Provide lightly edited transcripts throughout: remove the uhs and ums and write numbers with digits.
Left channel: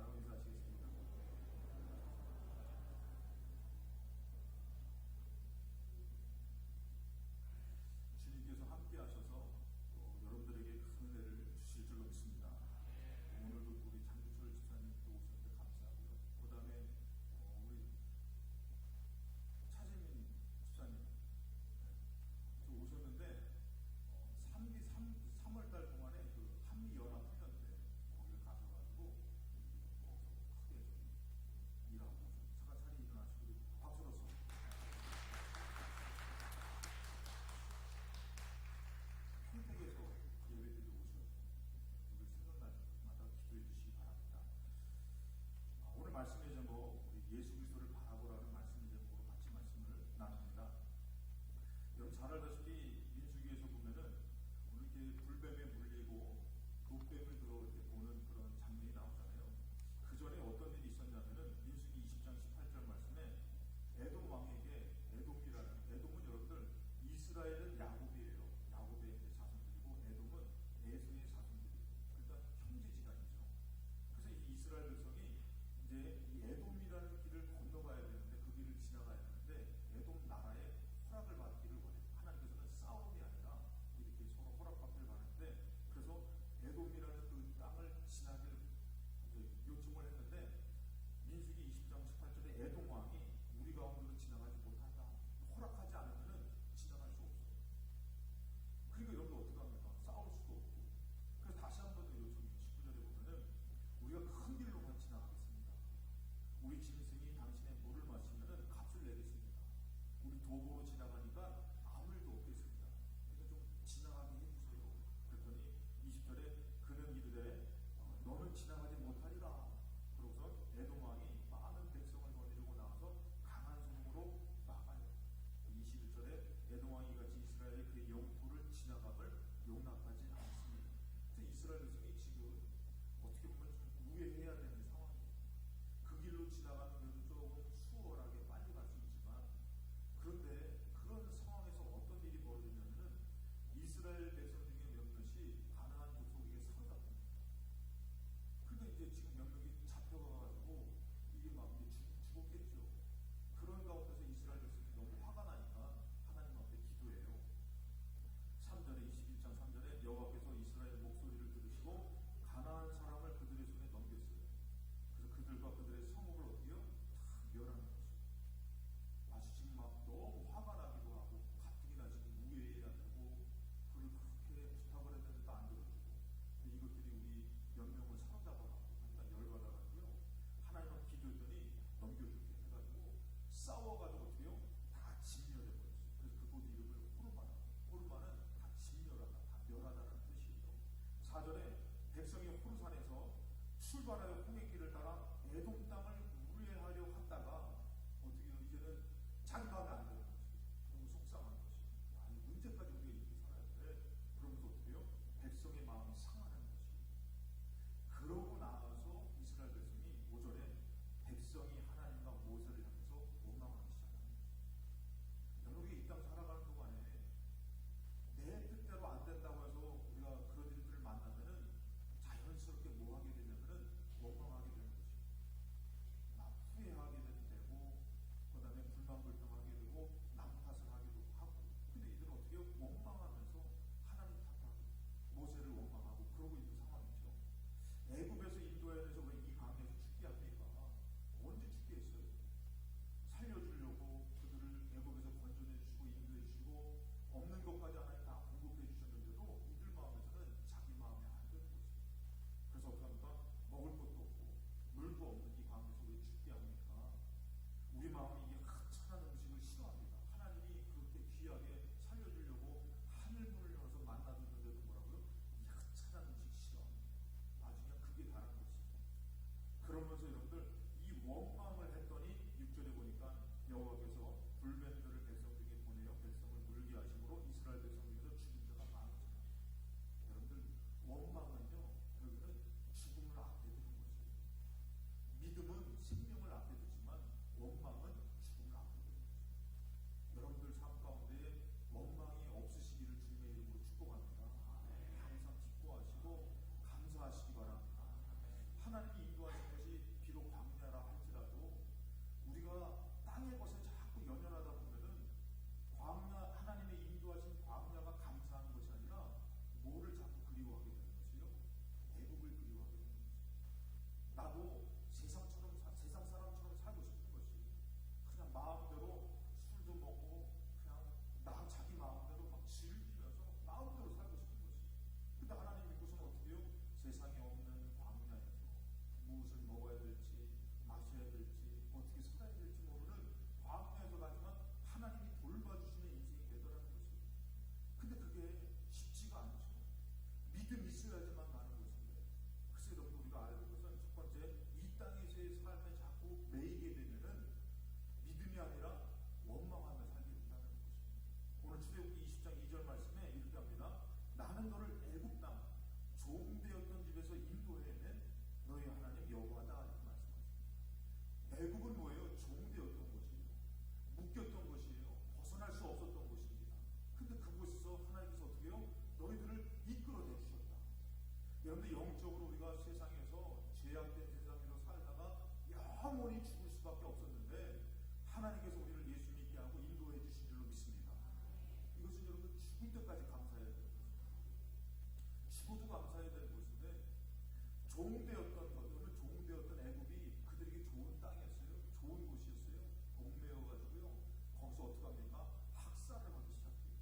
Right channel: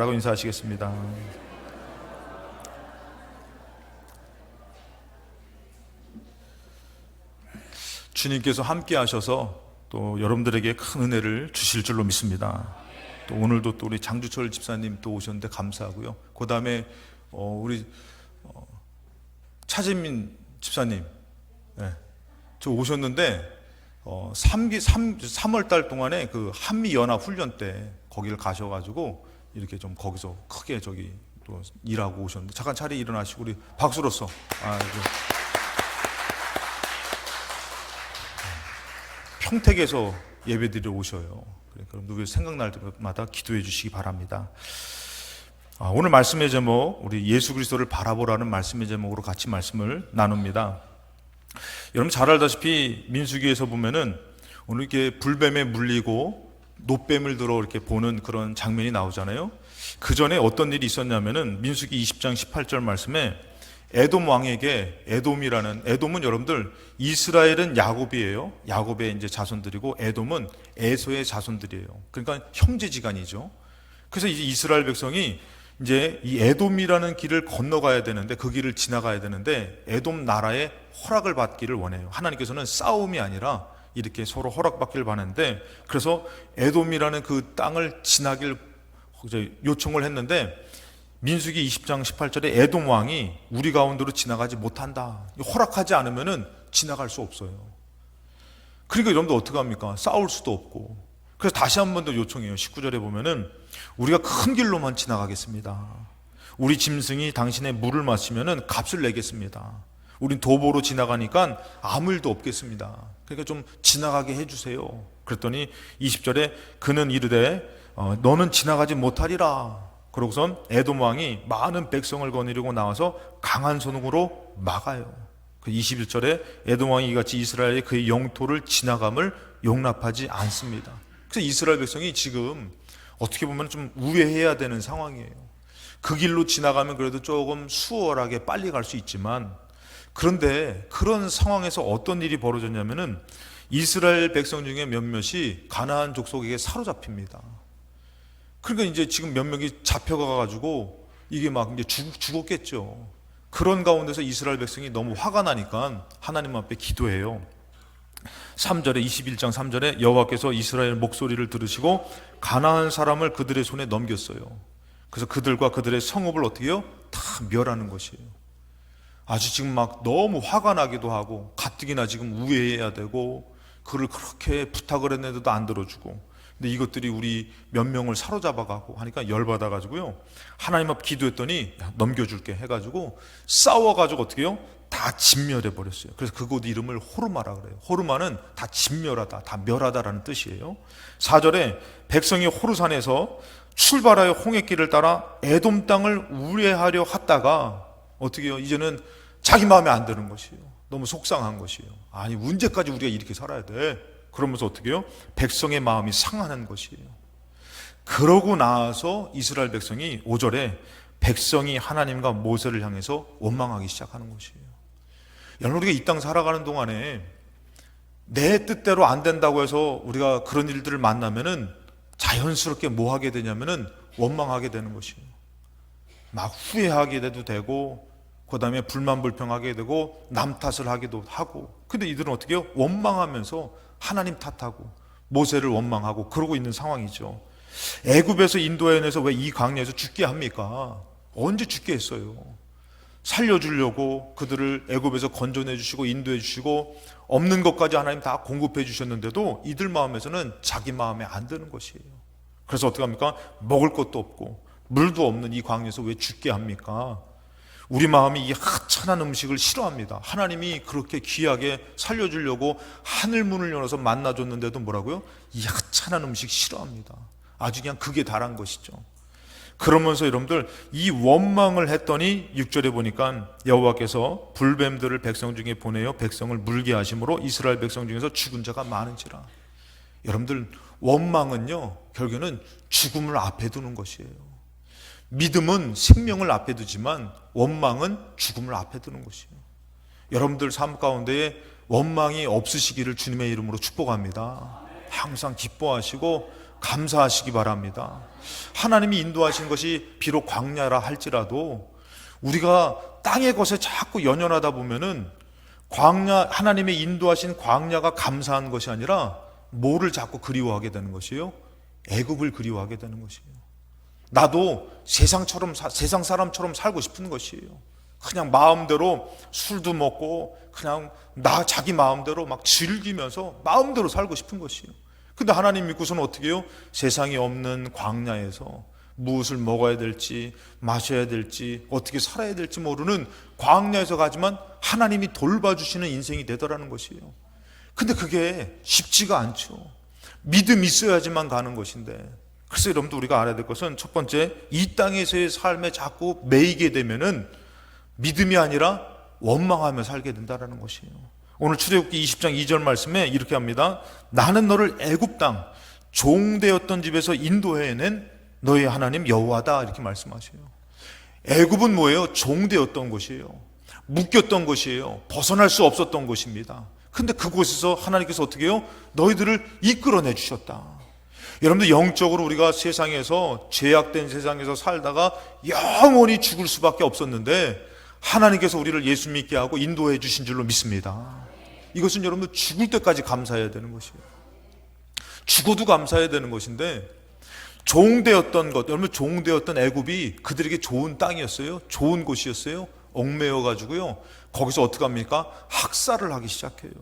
라고 인사하시겠습니다. 주님께서 함께 하셔서 또 여러분들에게 큰 은혜를 주실 줄로 믿습니다. 또 오늘도 또 우리 장주철 집사님 또 오셨는데 감사하고요. 그 다음에 우리 차진민 집사님, 네, 저 오셨는데 3월 달 동안에 그 한미연합 훈련 때 거기를 가셔가지고 이렇게 좀 거기서 크게 저기 또 일하고 오셨는데 잠깐 자리에 일어나시고 우리 박수로서 평택에서 예배드리러 오셔요. 그러니까 여러분들 생각날 때마다 기도해 주시기 바랍니다. 오늘 말씀의 제목, 우리 예수 그리스도를 바라보라는 말씀의 제목으로 같이 말씀을 나눕니다. 여러분 잘 알다시피 민수기에서 보면은 오늘 이렇게 불뱀에 물리고 노뱀을 들어 이렇게 보는 그런 장면이 나오잖아요. 그 전에 어떤 일이 있었냐면은 민수기 20장 18절 말씀에 에돔 왕에게 에돔은 여러분들 이스라엘은 야곱이에요. 야곱의 이제 자손들이고 에돔은 에서의 자손들이에요. 그러니까 형제지간이죠. 그래서 이제 이스라엘 백성이 이제 이 에돔이라는 길을 건너가야 되는데 그 길을 지나가야 되는데 에돔 나라의 허락을 받기를 원해요. 하나님께서는 싸움이 아니라 이렇게 서로 허락받기를 바라는데 그래서 에돔이라는 그 땅을 지나길 요청을 했는데 민수기 20장 18절에 에돔 왕이 우리 가운데로 지나가지 못한다. 허락하지 않으면은 지나갈 수 없어요. 그러니까 여러분들 어떻게 합니까? 싸울 수도 없고. 그래서 다시 한 번 더 요청해요. 19절에 보면은 우리가 큰 길로만 지나가겠습니다. 우리 짐승이 당신의 물을 마시면은 값을 내겠습니다. 우린 도보로 지나가니까 아무 일도 없겠습니다. 그러니까 좀 지나가게 해주세요. 그랬더니 20절에 그는 이르되 너는 지나가지 못하리라. 그러고선 에돔 왕이 많은 백성을 거느리고 나와서 강한 손으로 막아요. 21절에 에돔 왕이 이같이 이스라엘의 그의 영토를 지나감을 용납하지 않습니다. 그래서 이스라엘 백성이 지금 어떻게 보면 좀 우회해야 되는 상황이에요. 그 길로 지나가면 그래도 조금 수월하게 빨리 갈 수 있지만 그런데 그런 상황에서 어떤 일이 벌어졌냐면은 이스라엘 백성 중에 몇몇이 가나안 족속에게 사로잡힙니다. 그러니까 이제 지금 몇 명이 잡혀가가지고 이게 막 이제 죽었겠죠. 그런 가운데서 이스라엘 백성이 너무 화가 나니까 하나님 앞에 기도해요. 3절에 21장 3절에 여호와께서 이스라엘 목소리를 들으시고 가나안 사람을 그들의 손에 넘겼어요. 그래서 그들과 그들의 성읍을 어떻게 해요? 다 멸하는 것이에요. 아주 지금 막 너무 화가 나기도 하고 가뜩이나 지금 우회해야 되고 그를 그렇게 부탁을 했는데도 안 들어주고 근데 이것들이 우리 몇 명을 사로잡아가고 하니까 열받아가지고요 하나님 앞 기도했더니 넘겨줄게 해가지고 싸워가지고 어떻게 해요? 다 진멸해버렸어요. 그래서 그곳 이름을 호르마라 그래요. 호르마는 다 진멸하다, 다 멸하다라는 뜻이에요. 4절에 백성이 호르산에서 출발하여 홍해길을 따라 에돔 땅을 우회하려 하다가 어떻게 해요? 이제는 자기 마음에 안 드는 것이에요. 너무 속상한 것이에요. 아니 언제까지 우리가 이렇게 살아야 돼? 그러면서 어떻게 해요? 백성의 마음이 상하는 것이에요. 그러고 나서 이스라엘 백성이 5절에 백성이 하나님과 모세를 향해서 원망하기 시작하는 것이에요. 여러분 우리가 이 땅 살아가는 동안에 내 뜻대로 안 된다고 해서 우리가 그런 일들을 만나면은 자연스럽게 뭐 하게 되냐면은 원망하게 되는 것이에요. 막 후회하게 돼도 되고 그 다음에 불만불평하게 되고 남 탓을 하기도 하고 근데 이들은 어떻게 해요? 원망하면서 하나님 탓하고 모세를 원망하고 그러고 있는 상황이죠. 애굽에서 인도해내서 왜 이 광야에서 죽게 합니까? 언제 죽게 했어요? 살려주려고 그들을 애굽에서 건져내 주시고 인도해 주시고 없는 것까지 하나님 다 공급해 주셨는데도 이들 마음에서는 자기 마음에 안 드는 것이에요. 그래서 어떻게 합니까? 먹을 것도 없고 물도 없는 이 광야에서 왜 죽게 합니까? 우리 마음이 이 하찮은 음식을 싫어합니다. 하나님이 그렇게 귀하게 살려주려고 하늘 문을 열어서 만나줬는데도 뭐라고요? 이 하찮은 음식 싫어합니다. 아주 그냥 극에 달한 것이죠. 그러면서 여러분들 이 원망을 했더니 6절에 보니까 여호와께서 불뱀들을 백성 중에 보내어 백성을 물게 하심으로 이스라엘 백성 중에서 죽은 자가 많은지라. 여러분들 원망은요 결국에는 죽음을 앞에 두는 것이에요. 믿음은 생명을 앞에 두지만 원망은 죽음을 앞에 두는 것이에요. 여러분들 삶 가운데에 원망이 없으시기를 주님의 이름으로 축복합니다. 항상 기뻐하시고 감사하시기 바랍니다. 하나님이 인도하신 것이 비록 광야라 할지라도 우리가 땅의 것에 자꾸 연연하다 보면은 광야, 하나님의 인도하신 광야가 감사한 것이 아니라 뭐를 자꾸 그리워하게 되는 것이에요? 애굽을 그리워하게 되는 것이에요. 나도 세상 사람처럼 살고 싶은 것이에요. 그냥 마음대로 술도 먹고 그냥 자기 마음대로 막 즐기면서 마음대로 살고 싶은 것이에요. 근데 하나님 믿고서는 어떻게 해요? 세상이 없는 광야에서 무엇을 먹어야 될지 마셔야 될지 어떻게 살아야 될지 모르는 광야에서 가지만 하나님이 돌봐주시는 인생이 되더라는 것이에요. 근데 그게 쉽지가 않죠. 믿음이 있어야지만 가는 것인데, 그래서 여러분들 우리가 알아야 될 것은 첫 번째, 이 땅에서의 삶에 자꾸 매이게 되면은 믿음이 아니라 원망하며 살게 된다는 것이에요. 오늘 출애굽기 20장 2절 말씀에 이렇게 합니다. 나는 너를 애굽 땅 종되었던 집에서 인도해낸 너의 하나님 여호와다, 이렇게 말씀하셔요. 애굽은 뭐예요? 종되었던 곳이에요. 묶였던 곳이에요. 벗어날 수 없었던 곳입니다. 근데 그곳에서 하나님께서 어떻게 해요? 너희들을 이끌어내 주셨다. 여러분들 영적으로 우리가 세상에서 죄악된 세상에서 살다가 영원히 죽을 수밖에 없었는데 하나님께서 우리를 예수 믿게 하고 인도해 주신 줄로 믿습니다. 이것은 여러분들 죽을 때까지 감사해야 되는 것이에요. 죽어도 감사해야 되는 것인데, 종되었던 것, 여러분 종되었던 애굽이 그들에게 좋은 땅이었어요. 좋은 곳이었어요. 얽매여 가지고요, 거기서 어떻게 합니까? 학살을 하기 시작해요.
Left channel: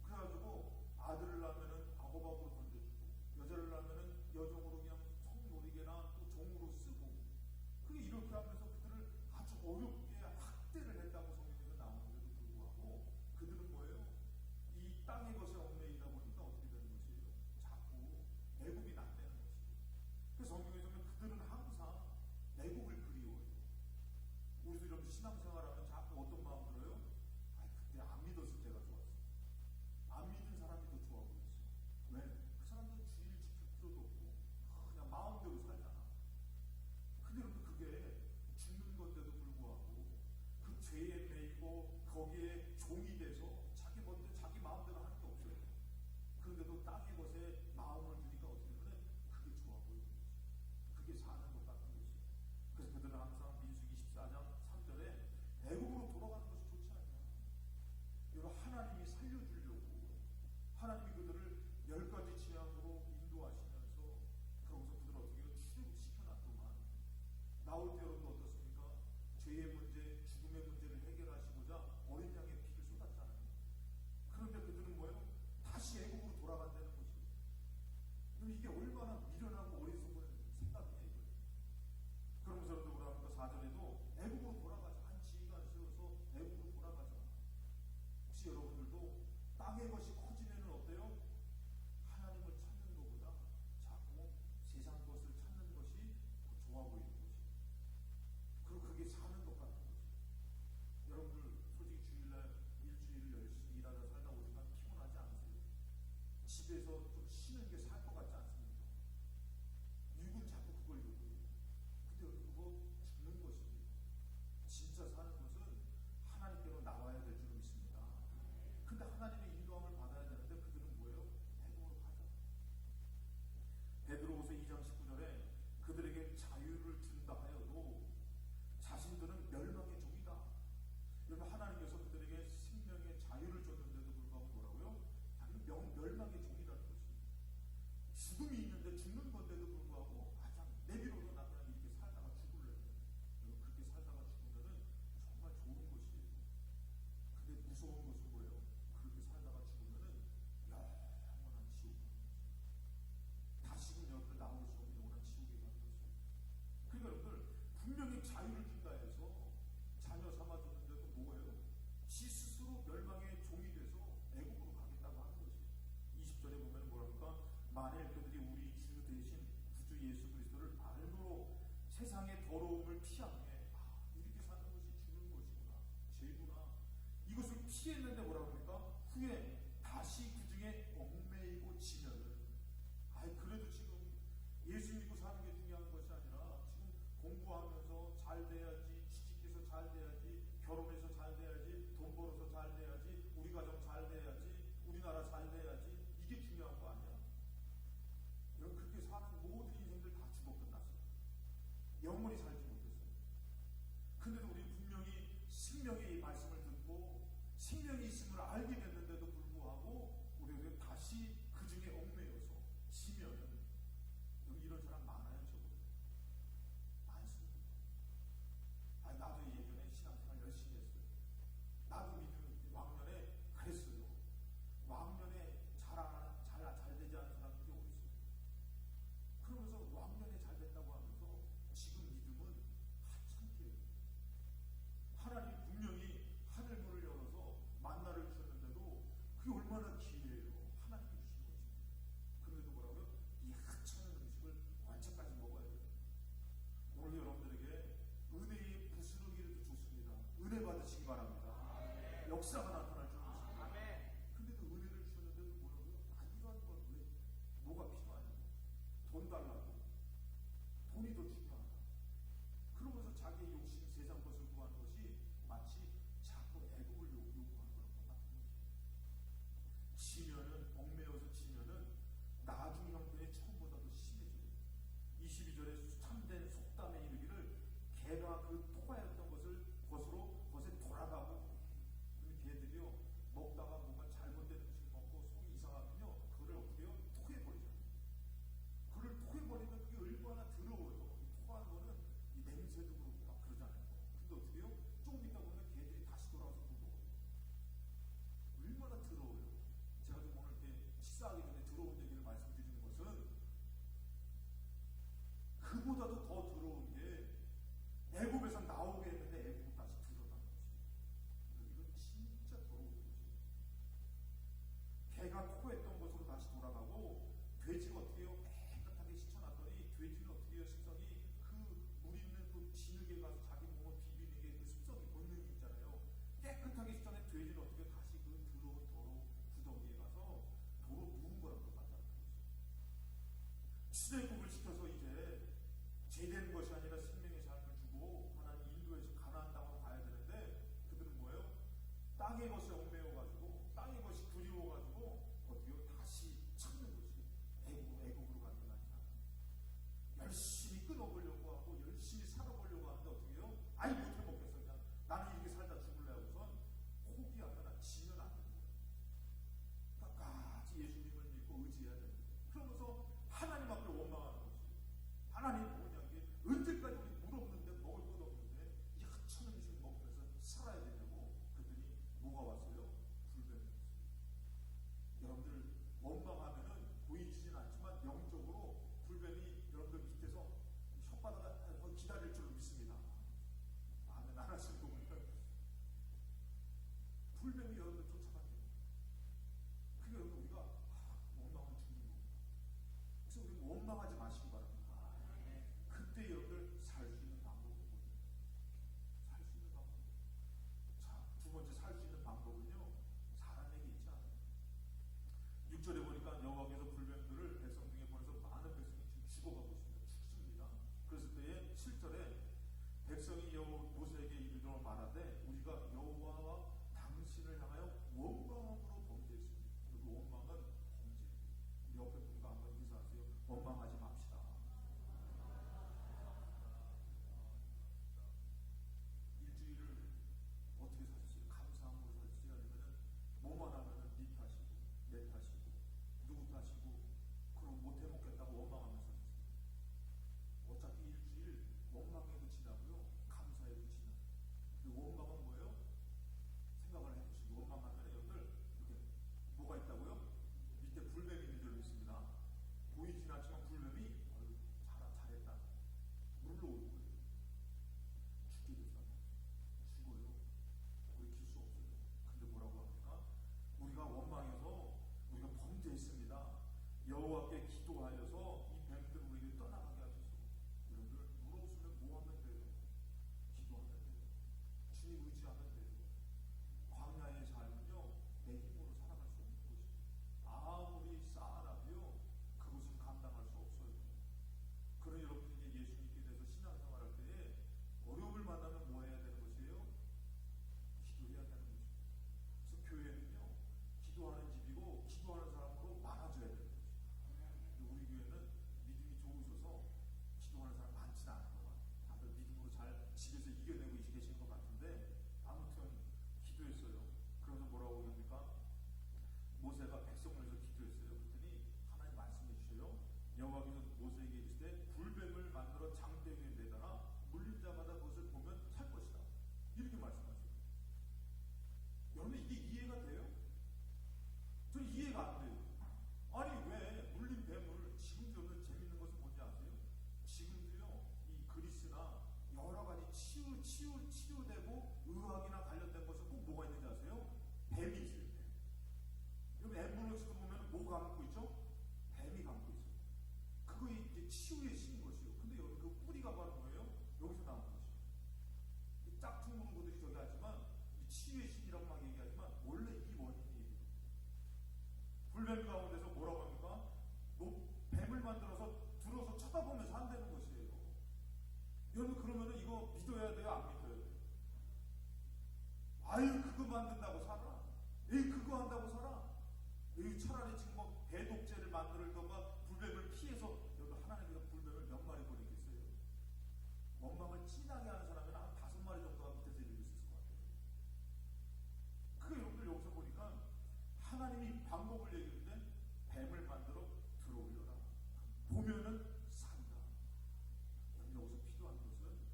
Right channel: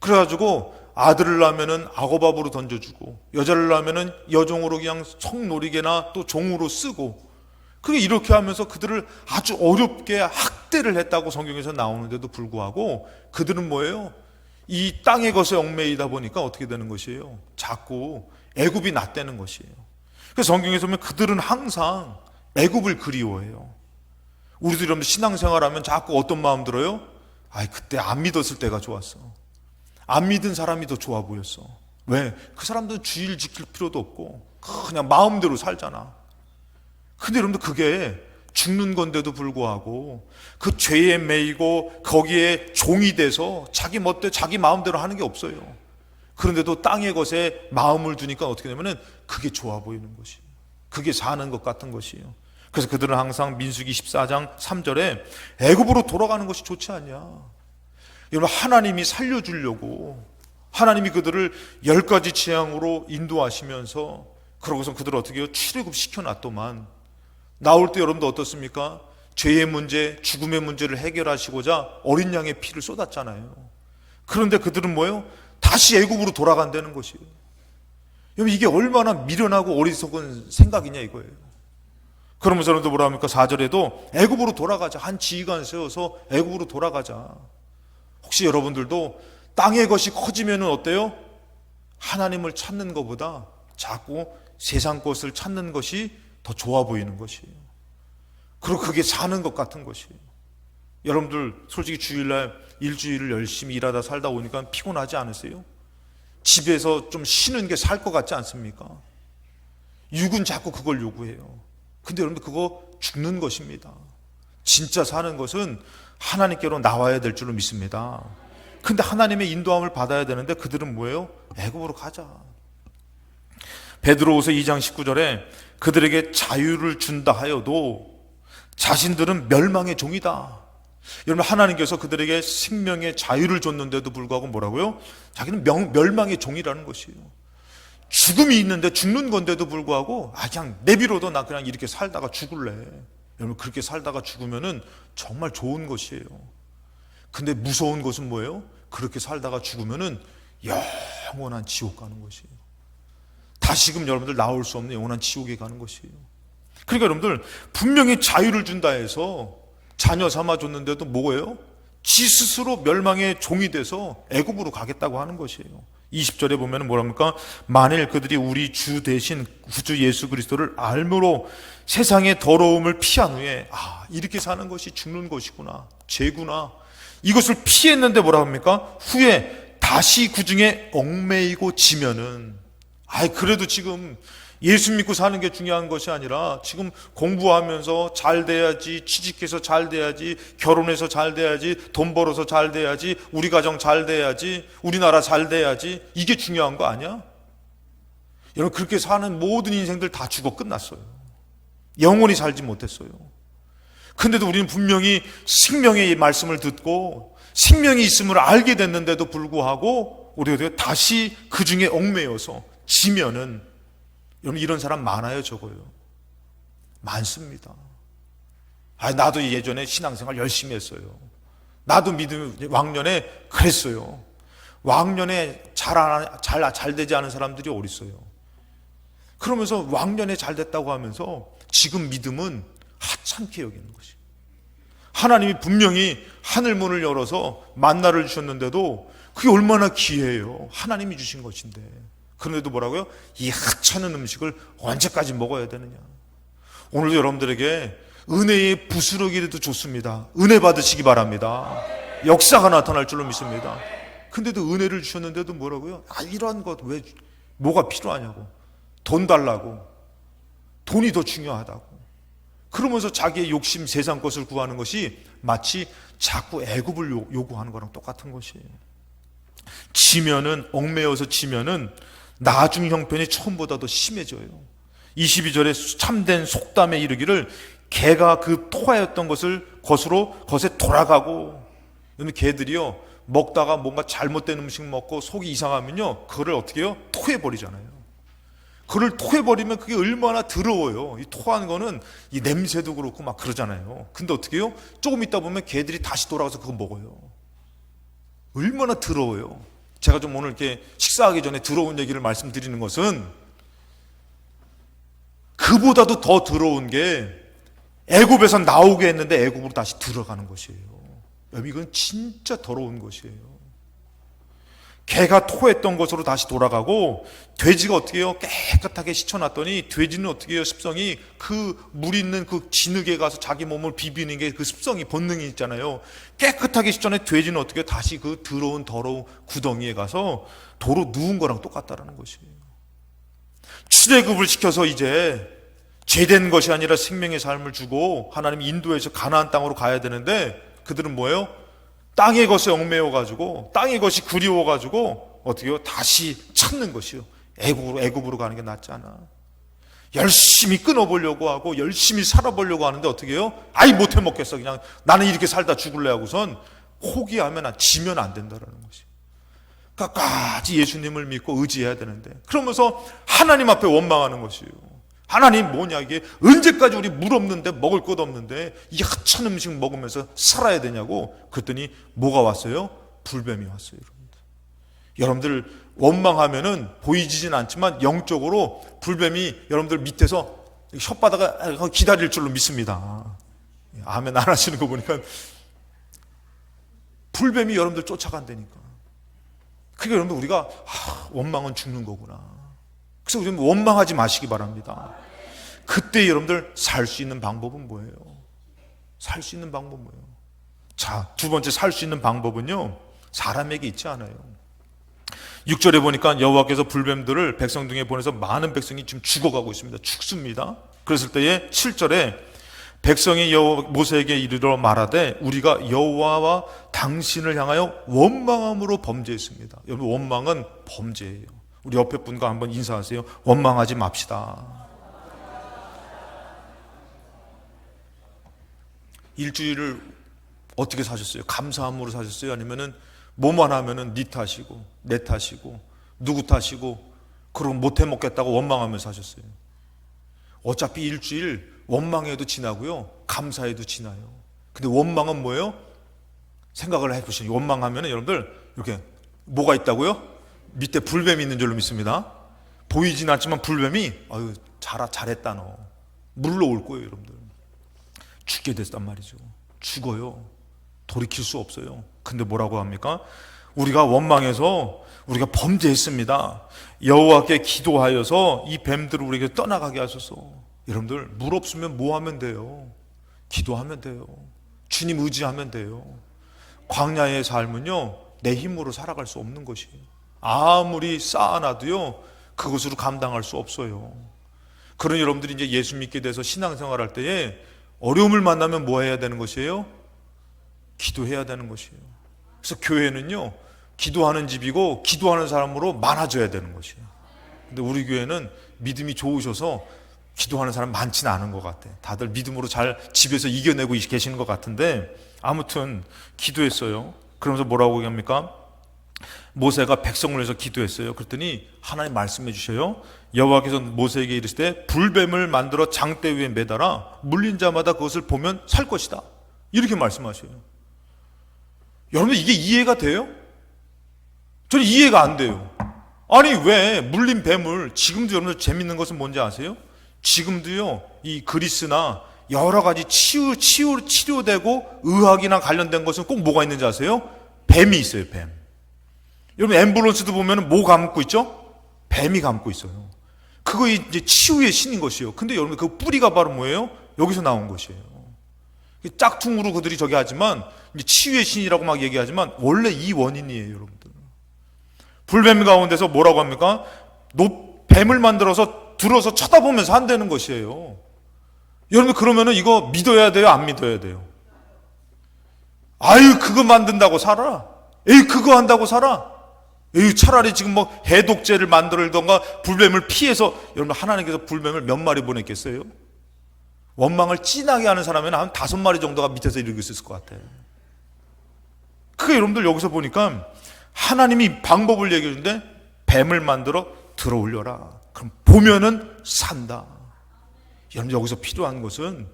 그래가지고 아들을 낳으면은 악어밥으로 던져주고, 여자를 낳으면은 여종으로 그냥 성노리개나 또 종으로 쓰고, 그게 이렇게 하면서 그들을 아주 어렵게 학대를 했다고 성경에서 나오는데도 불구하고 그들은 뭐예요? 이 땅의 것에 얽매이다 보니까 어떻게 되는 것이에요? 자꾸 애굽이 낫다는 것이에요. 그래서 성경에서 보면 그들은 항상 애굽을 그리워해요. 우리도 여러분 신앙생활하면 자꾸 어떤 마음 들어요? 그때 안 믿었을 때가 좋았어. 안 믿은 사람이 더 좋아 보였어. 왜? 그 사람들은 주의를 지킬 필요도 없고 그냥 마음대로 살잖아. 근데 여러분들 그게 죽는 건데도 불구하고 그 죄에 매이고 거기에 종이 돼서 자기 멋대로 자기 마음대로 하는 게 없어요. 그런데도 땅의 것에 마음을 두니까 어떻게 되냐면은 그게 좋아 보이는 것이에요. 그게 사는 것 같은 것이에요. 그래서 그들은 항상 민수기 14장 3절에 애굽으로 돌아가는 것이 좋지 않냐. 여러분 하나님이 살려주려고 하나님이 그들을 10가지 재앙으로 인도하시면서 그러고서 그들을 어떻게 해요? 출애굽 시켜놨더만 나올 때 여러분도 어떻습니까? 죄의 문제, 죽음의 문제를 해결하시고자 어린 양의 피를 쏟았잖아요. 그런데 그들은 뭐예요? 다시 애굽으로 돌아간다는 것이에요. 여러분 이게 얼마나 미련하고 어리석은 생각이냐 이거예요. 그러면서 여러분들 뭐라 합니까? 4절에도 애굽으로 돌아가자. 한 지휘관 세워서 애굽으로 돌아가자. 혹시 여러분들도 땅의 것이 커지면 어때요? 하나님을 찾는 것보다 자꾸 세상 것을 찾는 것이 더 좋아 보이는 것이에요. 그리고 그게 사는 것 같은 것이에요. 여러분들 솔직히 주일날 일주일을 열심히 일하다 살다 오니까 피곤하지 않으세요? 집에서 좀 쉬는 게 살 것 같지 않습니까? 육은 자꾸 그걸 요구해요. 근데 여러분들 그거 죽는 것입니다. 진짜 사는 것은 하나님께로 나와야 될 줄로 믿습니다. 근데 하나님의 인도함을 받아야 되는데 그들은 뭐예요? 애굽으로 가자. 베드로후서 2장 19절에 그들에게 자유를 준다 하여도 자신들은 멸망의 종이다. 여러분 하나님께서 그들에게 생명의 자유를 줬는데도 불구하고 뭐라고요? 자기는 멸망의 종이라는 것이에요. 죽음이 있는데 죽는 건데도 불구하고 그냥 내비로도 나 그냥 이렇게 살다가 죽을래. 여러분 그렇게 살다가 죽으면은 정말 좋은 것이에요. 근데 무서운 것은 뭐예요? 그렇게 살다가 죽으면은 영원한 지옥 가는 것이에요. 다시금 여러분들 나올 수 없는 영원한 지옥에 가는 것이에요. 그러니까 여러분들 분명히 자유를 준다 해서 자녀 삼아줬는데도 뭐예요? 지 스스로 멸망의 종이 돼서 애굽으로 가겠다고 하는 것이에요. 20절에 보면 뭐랍니까? 만일 그들이 우리 주 대신 구주 예수 그리스도를 알므로 세상의 더러움을 피한 후에 이렇게 사는 것이 죽는 것이구나, 죄구나, 이것을 피했는데 뭐라 합니까? 후에 다시 그 중에 얽매이고 지면은 그래도 지금 예수 믿고 사는 게 중요한 것이 아니라 지금 공부하면서 잘 돼야지, 취직해서 잘 돼야지, 결혼해서 잘 돼야지, 돈 벌어서 잘 돼야지, 우리 가정 잘 돼야지, 우리나라 잘 돼야지, 이게 중요한 거 아니야? 여러분, 그렇게 사는 모든 인생들 다 죽어 끝났어요. 영원히 살지 못했어요. 근데도 우리는 분명히 생명의 말씀을 듣고 생명이 있음을 알게 됐는데도 불구하고 우리가 다시 그 중에 얽매여서 지면은, 여러분, 이런 사람 많아요, 적어요? 많습니다. 나도 예전에 신앙생활 열심히 했어요. 나도 믿음 왕년에 그랬어요. 왕년에 잘 되지 않은 사람들이 어디 있어요? 그러면서 왕년에 잘 됐다고 하면서 지금 믿음은 하찮게 여기는 것이. 하나님이 분명히 하늘 문을 열어서 만나를 주셨는데도 그게 얼마나 귀해요. 하나님이 주신 것인데. 그런데도 뭐라고요? 이 하찮은 음식을 언제까지 먹어야 되느냐. 오늘도 여러분들에게 은혜의 부스러기라도 좋습니다. 은혜 받으시기 바랍니다. 역사가 나타날 줄로 믿습니다. 근데도 은혜를 주셨는데도 뭐라고요? 이러한 것 왜, 뭐가 필요하냐고. 돈 달라고. 돈이 더 중요하다고. 그러면서 자기의 욕심, 세상 것을 구하는 것이 마치 자꾸 애굽을 요구하는 거랑 똑같은 것이에요. 지면은, 얽매여서 지면은 나중 형편이 처음보다 더 심해져요. 22절에 참된 속담에 이르기를 개가 그 토하였던 것에 돌아가고. 개들이요, 먹다가 뭔가 잘못된 음식 먹고 속이 이상하면요, 그거를 어떻게 해요? 토해버리잖아요. 그걸 토해버리면 그게 얼마나 더러워요. 이 토하는 거는 이 냄새도 그렇고 막 그러잖아요. 근데 어떻게 해요? 조금 있다 보면 개들이 다시 돌아가서 그거 먹어요. 얼마나 더러워요. 제가 좀 오늘 이렇게 식사하기 전에 더러운 얘기를 말씀드리는 것은, 그보다도 더 더러운 게 애굽에서 나오게 했는데 애굽으로 다시 들어가는 것이에요. 여러분, 이건 진짜 더러운 것이에요. 개가 토했던 것으로 다시 돌아가고, 돼지가 어떻게 해요? 깨끗하게 씻어놨더니 돼지는 어떻게 해요? 습성이, 그 물 있는 그 진흙에 가서 자기 몸을 비비는 게 그 습성이, 본능이 있잖아요. 깨끗하게 씻어낸 돼지는 어떻게 해요? 다시 그 더러운 구덩이에 가서 도로 누운 거랑 똑같다라는 것이에요. 출애굽을 시켜서 이제 죄된 것이 아니라 생명의 삶을 주고 하나님이 인도해서 가나안 땅으로 가야 되는데, 그들은 뭐예요? 땅의 것에 얽매여가지고, 땅의 것이 그리워가지고 어떻게 해요? 다시 찾는 것이요. 애굽으로 가는 게 낫지 않아. 열심히 끊어보려고 하고 열심히 살아보려고 하는데 어떻게 해요? 못해 먹겠어. 그냥 나는 이렇게 살다 죽을래 하고선 포기하면, 지면 안 된다라는 것이. 끝까지 예수님을 믿고 의지해야 되는데, 그러면서 하나님 앞에 원망하는 것이에요. 하나님 뭐냐, 이게 언제까지 우리 물 없는데, 먹을 것 없는데 이 하찮은 음식 먹으면서 살아야 되냐고. 그랬더니 뭐가 왔어요? 불뱀이 왔어요. 여러분들 원망하면은 보이지진 않지만 영적으로 불뱀이 여러분들 밑에서 혓바닥에 기다릴 줄로 믿습니다. 아멘 안 하시는 거 보니까 불뱀이 여러분들 쫓아간다니까. 그러니까 여러분들 우리가 원망은 죽는 거구나. 그래서 우리는 원망하지 마시기 바랍니다. 그때 여러분들 살 수 있는 방법은 뭐예요? 살 수 있는 방법은 뭐예요? 자, 두 번째 살 수 있는 방법은요, 사람에게 있지 않아요. 6절에 보니까 여호와께서 불뱀들을 백성 중에 보내서 많은 백성이 지금 죽어가고 있습니다. 죽습니다. 그랬을 때에 7절에 백성이 모세에게 이르러 말하되 우리가 여호와와 당신을 향하여 원망함으로 범죄했습니다. 여러분, 원망은 범죄예요. 우리 옆에 분과 한번 인사하세요. 원망하지 맙시다. 일주일을 어떻게 사셨어요? 감사함으로 사셨어요? 아니면은 뭐만 하면은 네 탓이고 내 탓이고 누구 탓이고 그러고 못해 먹겠다고 원망하면서 사셨어요? 어차피 일주일 원망해도 지나고요, 감사해도 지나요. 근데 원망은 뭐예요? 생각을 해보시죠. 원망하면은 여러분들 이렇게 뭐가 있다고요? 밑에 불뱀이 있는 줄로 믿습니다. 보이진 않지만 불뱀이 잘했다 너 물러올 거예요. 여러분들 죽게 됐단 말이죠. 죽어요. 돌이킬 수 없어요. 근데 뭐라고 합니까? 우리가 원망해서 우리가 범죄했습니다. 여호와께 기도하여서 이 뱀들을 우리에게 떠나가게 하소서. 여러분들 물 없으면 뭐 하면 돼요? 기도하면 돼요. 주님 의지하면 돼요. 광야의 삶은요, 내 힘으로 살아갈 수 없는 것이에요. 아무리 쌓아놔도요, 그것으로 감당할 수 없어요. 그런 여러분들이 이제 예수 믿게 돼서 신앙생활할 때에 어려움을 만나면 뭐 해야 되는 것이에요? 기도해야 되는 것이에요. 그래서 교회는요, 기도하는 집이고 기도하는 사람으로 많아져야 되는 것이에요. 근데 우리 교회는 믿음이 좋으셔서 기도하는 사람 많지는 않은 것 같아요. 다들 믿음으로 잘 집에서 이겨내고 계시는 것 같은데, 아무튼 기도했어요. 그러면서 뭐라고 얘기합니까? 모세가 백성을 위해서 기도했어요. 그랬더니 하나님 말씀해 주셔요. 여호와께서 모세에게 이르시되 불뱀을 만들어 장대 위에 매달아 물린 자마다 그것을 보면 살 것이다, 이렇게 말씀하셔요. 여러분, 이게 이해가 돼요? 저는 이해가 안 돼요. 아니, 왜 물린 뱀을, 지금도 여러분들 재밌는 것은 뭔지 아세요? 지금도요, 이 그리스나 여러 가지 치료되고 의학이나 관련된 것은 꼭 뭐가 있는지 아세요? 뱀이 있어요, 뱀. 여러분, 앰뷸런스도 보면 뭐 감고 있죠? 뱀이 감고 있어요. 그거 이제 치유의 신인 것이에요. 근데 여러분, 그 뿌리가 바로 뭐예요? 여기서 나온 것이에요. 짝퉁으로 그들이 저기 하지만, 이제 치유의 신이라고 막 얘기하지만, 원래 이 원인이에요, 여러분들. 불뱀 가운데서 뭐라고 합니까? 뱀을 만들어서 들어서 쳐다보면서 한다는 것이에요. 여러분, 그러면은 이거 믿어야 돼요? 안 믿어야 돼요? 아유, 그거 만든다고 살아? 에이, 그거 한다고 살아? 에이, 차라리 지금 뭐 해독제를 만들던가 불뱀을 피해서, 여러분, 하나님께서 불뱀을 몇 마리 보냈겠어요? 원망을 진하게 하는 사람은 한 5마리 정도가 밑에서 이러고 있을 것 같아요. 그게 여러분들 여기서 보니까 하나님이 방법을 얘기해 주는데, 뱀을 만들어 들어 올려라. 그럼 보면은 산다. 여러분, 여기서 필요한 것은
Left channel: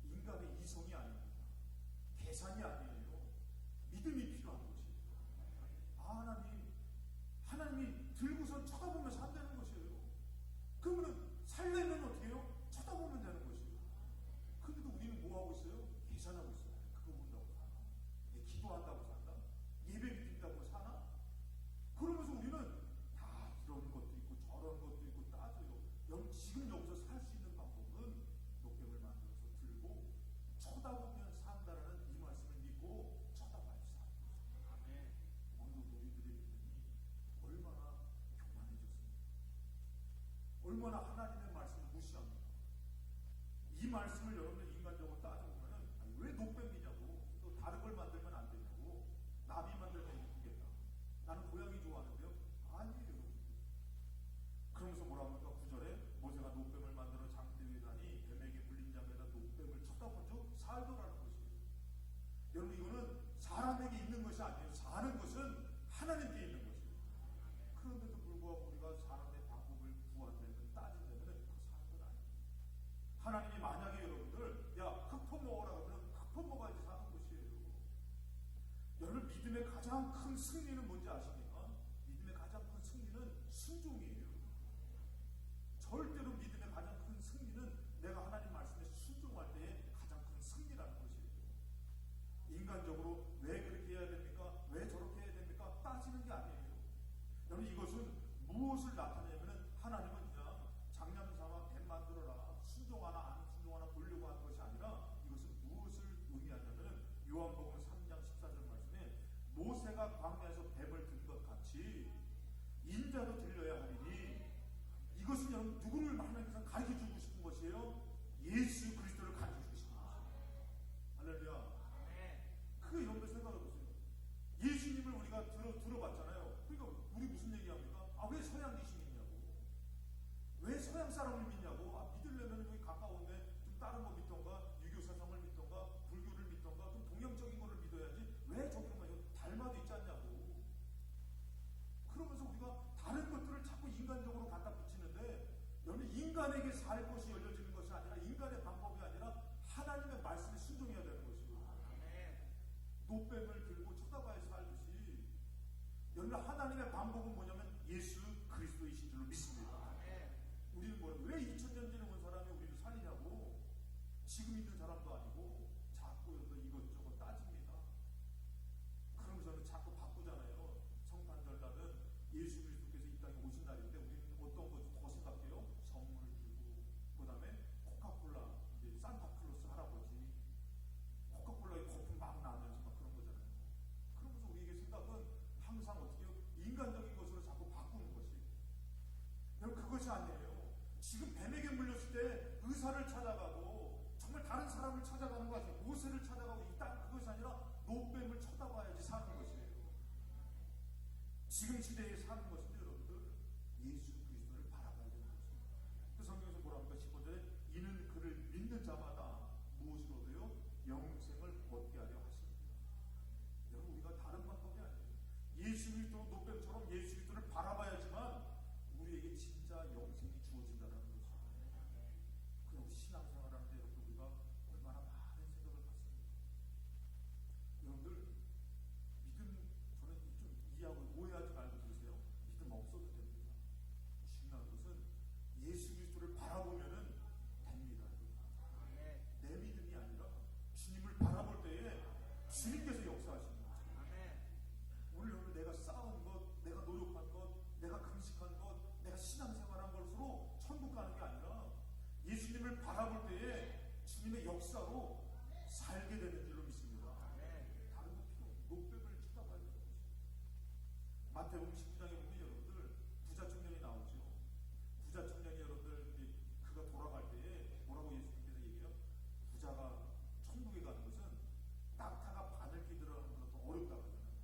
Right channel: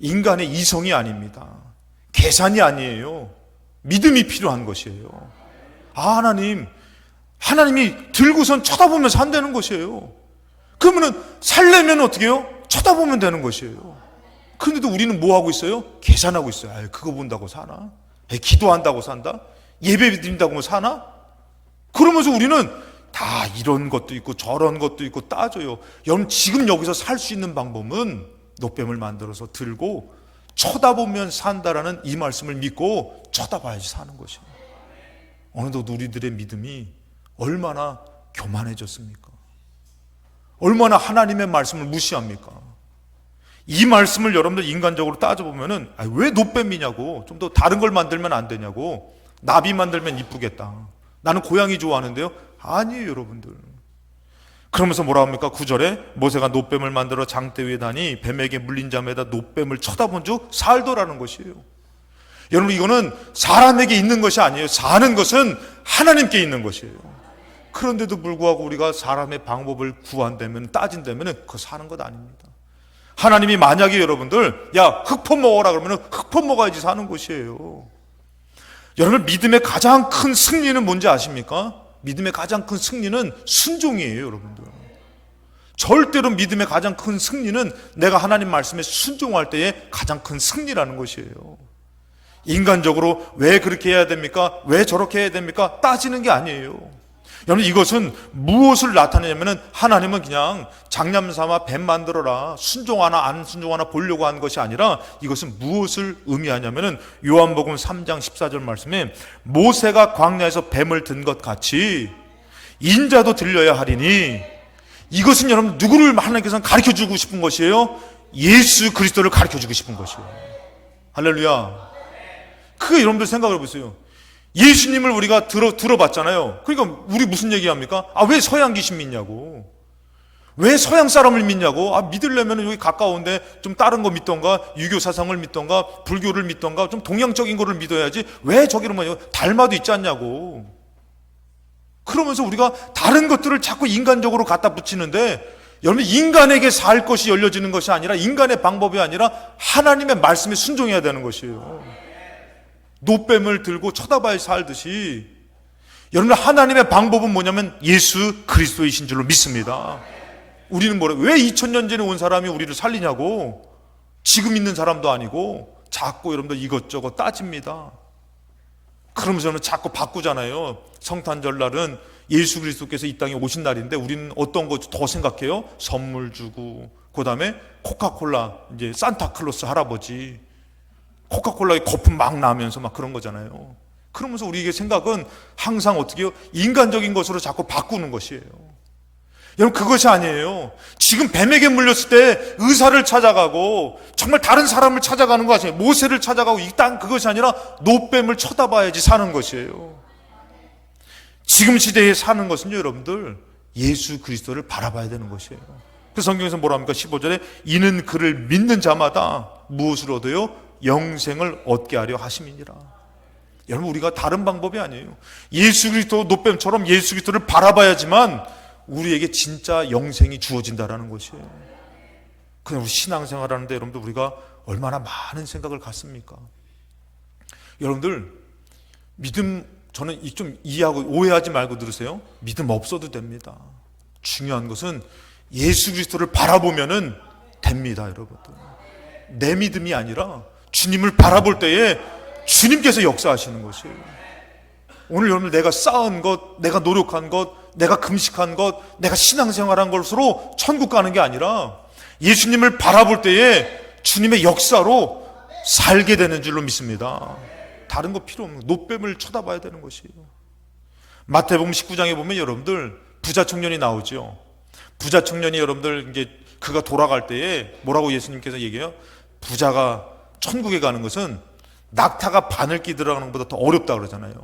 인간의 이성이 아닙니다. 계산이 아니에요. 믿음이 필요한 것이에요. 아, 하나님이 들고선 쳐다보면서 한다는 것이에요. 그러면은 살려면 어떻게 해요? 쳐다보면 되는 것이에요. 그런데도 우리는 뭐 하고 있어요? 계산하고 있어요. 아유, 그거 본다고 사나? 기도한다고 산다? 예배 드린다고 사나? 그러면서 우리는 다 이런 것도 있고 저런 것도 있고 따져요. 여러분, 지금 여기서 살 수 있는 방법은 노뱀을 만들어서 들고 쳐다보면 산다라는 이 말씀을 믿고 쳐다봐야지 사는 것이에요. 어느덧 우리들의 믿음이 얼마나 교만해졌습니까? 얼마나 하나님의 말씀을 무시합니까? 이 말씀을 여러분들 인간적으로 따져보면은, 왜 노뱀이냐고, 좀 더 다른 걸 만들면 안 되냐고, 나비 만들면 이쁘겠다, 나는 고양이 좋아하는데요. 아니에요, 여러분들. 그러면서 뭐라 합니까? 9절에 모세가 노뱀을 만들어 장대 위에 다니 뱀에게 물린 자마다 노뱀을 쳐다본 즉 살더라는 것이에요. 여러분, 이거는 사람에게 있는 것이 아니에요. 사는 것은 하나님께 있는 것이에요. 그런데도 불구하고 우리가 사람의 방법을 구한다면, 따진다면 그거 사는 것 아닙니다. 하나님이 만약에 여러분들, 야, 흙포 먹어라 그러면 흙포 먹어야지 사는 것이에요. 여러분, 믿음의 가장 큰 승리는 뭔지 아십니까? 믿음의 가장 큰 승리는 순종이에요, 여러분들. 절대로 믿음의 가장 큰 승리는 내가 하나님 말씀에 순종할 때의 가장 큰 승리라는 것이에요. 인간적으로 왜 그렇게 해야 됩니까? 왜 저렇게 해야 됩니까? 따지는 게 아니에요. 여러분, 이것은 무엇을 나타내냐면, 하나님은 그냥 장냠삼아 뱀 만들어라, 순종하나 안 순종하나 보려고 한 것이 아니라, 이것은 무엇을 의미하냐면, 요한복음 3장 14절 말씀에 모세가 광야에서 뱀을 든 것 같이 인자도 들려야 하리니, 이것은 여러분 누구를 하나님께서는 가르쳐주고 싶은 것이에요? 예수 그리스도를 가르쳐주고 싶은 것이에요. 할렐루야. 그게 여러분들 생각을 해보세요. 예수님을 우리가 들어봤잖아요. 그러니까 우리 무슨 얘기합니까? 왜 서양 귀신 믿냐고, 왜 서양 사람을 믿냐고. 믿으려면 여기 가까운데 좀 다른 거 믿던가, 유교 사상을 믿던가, 불교를 믿던가, 좀 동양적인 거를 믿어야지 왜 저기를 달마도 있지 않냐고. 그러면서 우리가 다른 것들을 자꾸 인간적으로 갖다 붙이는데, 여러분, 인간에게 살 것이 열려지는 것이 아니라, 인간의 방법이 아니라 하나님의 말씀에 순종해야 되는 것이에요. 노뱀을 들고 쳐다봐야 살듯이, 여러분, 하나님의 방법은 뭐냐면 예수 그리스도이신 줄로 믿습니다. 우리는 왜 2000년 전에 온 사람이 우리를 살리냐고, 지금 있는 사람도 아니고 자꾸 여러분들 이것저것 따집니다. 그러면서는 자꾸 바꾸잖아요. 성탄절날은 예수 그리스도께서 이 땅에 오신 날인데, 우리는 어떤 거 더 생각해요? 선물 주고, 그 다음에 코카콜라, 이제 산타클로스 할아버지, 코카콜라에 거품 막 나면서 막 그런 거잖아요. 그러면서 우리에게 생각은 항상 어떻게 해요? 인간적인 것으로 자꾸 바꾸는 것이에요. 여러분, 그것이 아니에요. 지금 뱀에게 물렸을 때 의사를 찾아가고 정말 다른 사람을 찾아가는 거 아니에요. 모세를 찾아가고 이 땅, 그것이 아니라 노뱀을 쳐다봐야지 사는 것이에요. 지금 시대에 사는 것은요, 여러분들, 예수 그리스도를 바라봐야 되는 것이에요. 그래서 성경에서 뭐라 합니까? 15절에 이는 그를 믿는 자마다 무엇을 얻어요? 영생을 얻게 하려 하심이니라. 여러분, 우리가 다른 방법이 아니에요. 예수 그리스도 노뱀처럼 예수 그리스도를 바라봐야지만 우리에게 진짜 영생이 주어진다라는 것이에요. 그냥 우리 신앙생활 하는데 여러분들 우리가 얼마나 많은 생각을 갖습니까? 여러분들 믿음, 저는 좀 이해하고 오해하지 말고 들으세요. 믿음 없어도 됩니다. 중요한 것은 예수 그리스도를 바라보면은 됩니다, 여러분들. 내 믿음이 아니라 주님을 바라볼 때에 주님께서 역사하시는 것이에요. 오늘 여러분 내가 쌓은 것, 내가 노력한 것, 내가 금식한 것, 내가 신앙생활한 것으로 천국 가는 게 아니라 예수님을 바라볼 때에 주님의 역사로 살게 되는 줄로 믿습니다. 다른 거 필요 없는, 노뱀을 쳐다봐야 되는 것이에요. 마태복음 19장에 보면 여러분들 부자 청년이 나오죠. 부자 청년이 여러분들 이제 그가 돌아갈 때에 뭐라고 예수님께서 얘기해요? 부자가 천국에 가는 것은 낙타가 바늘길 들어가는 것보다 더 어렵다 그러잖아요.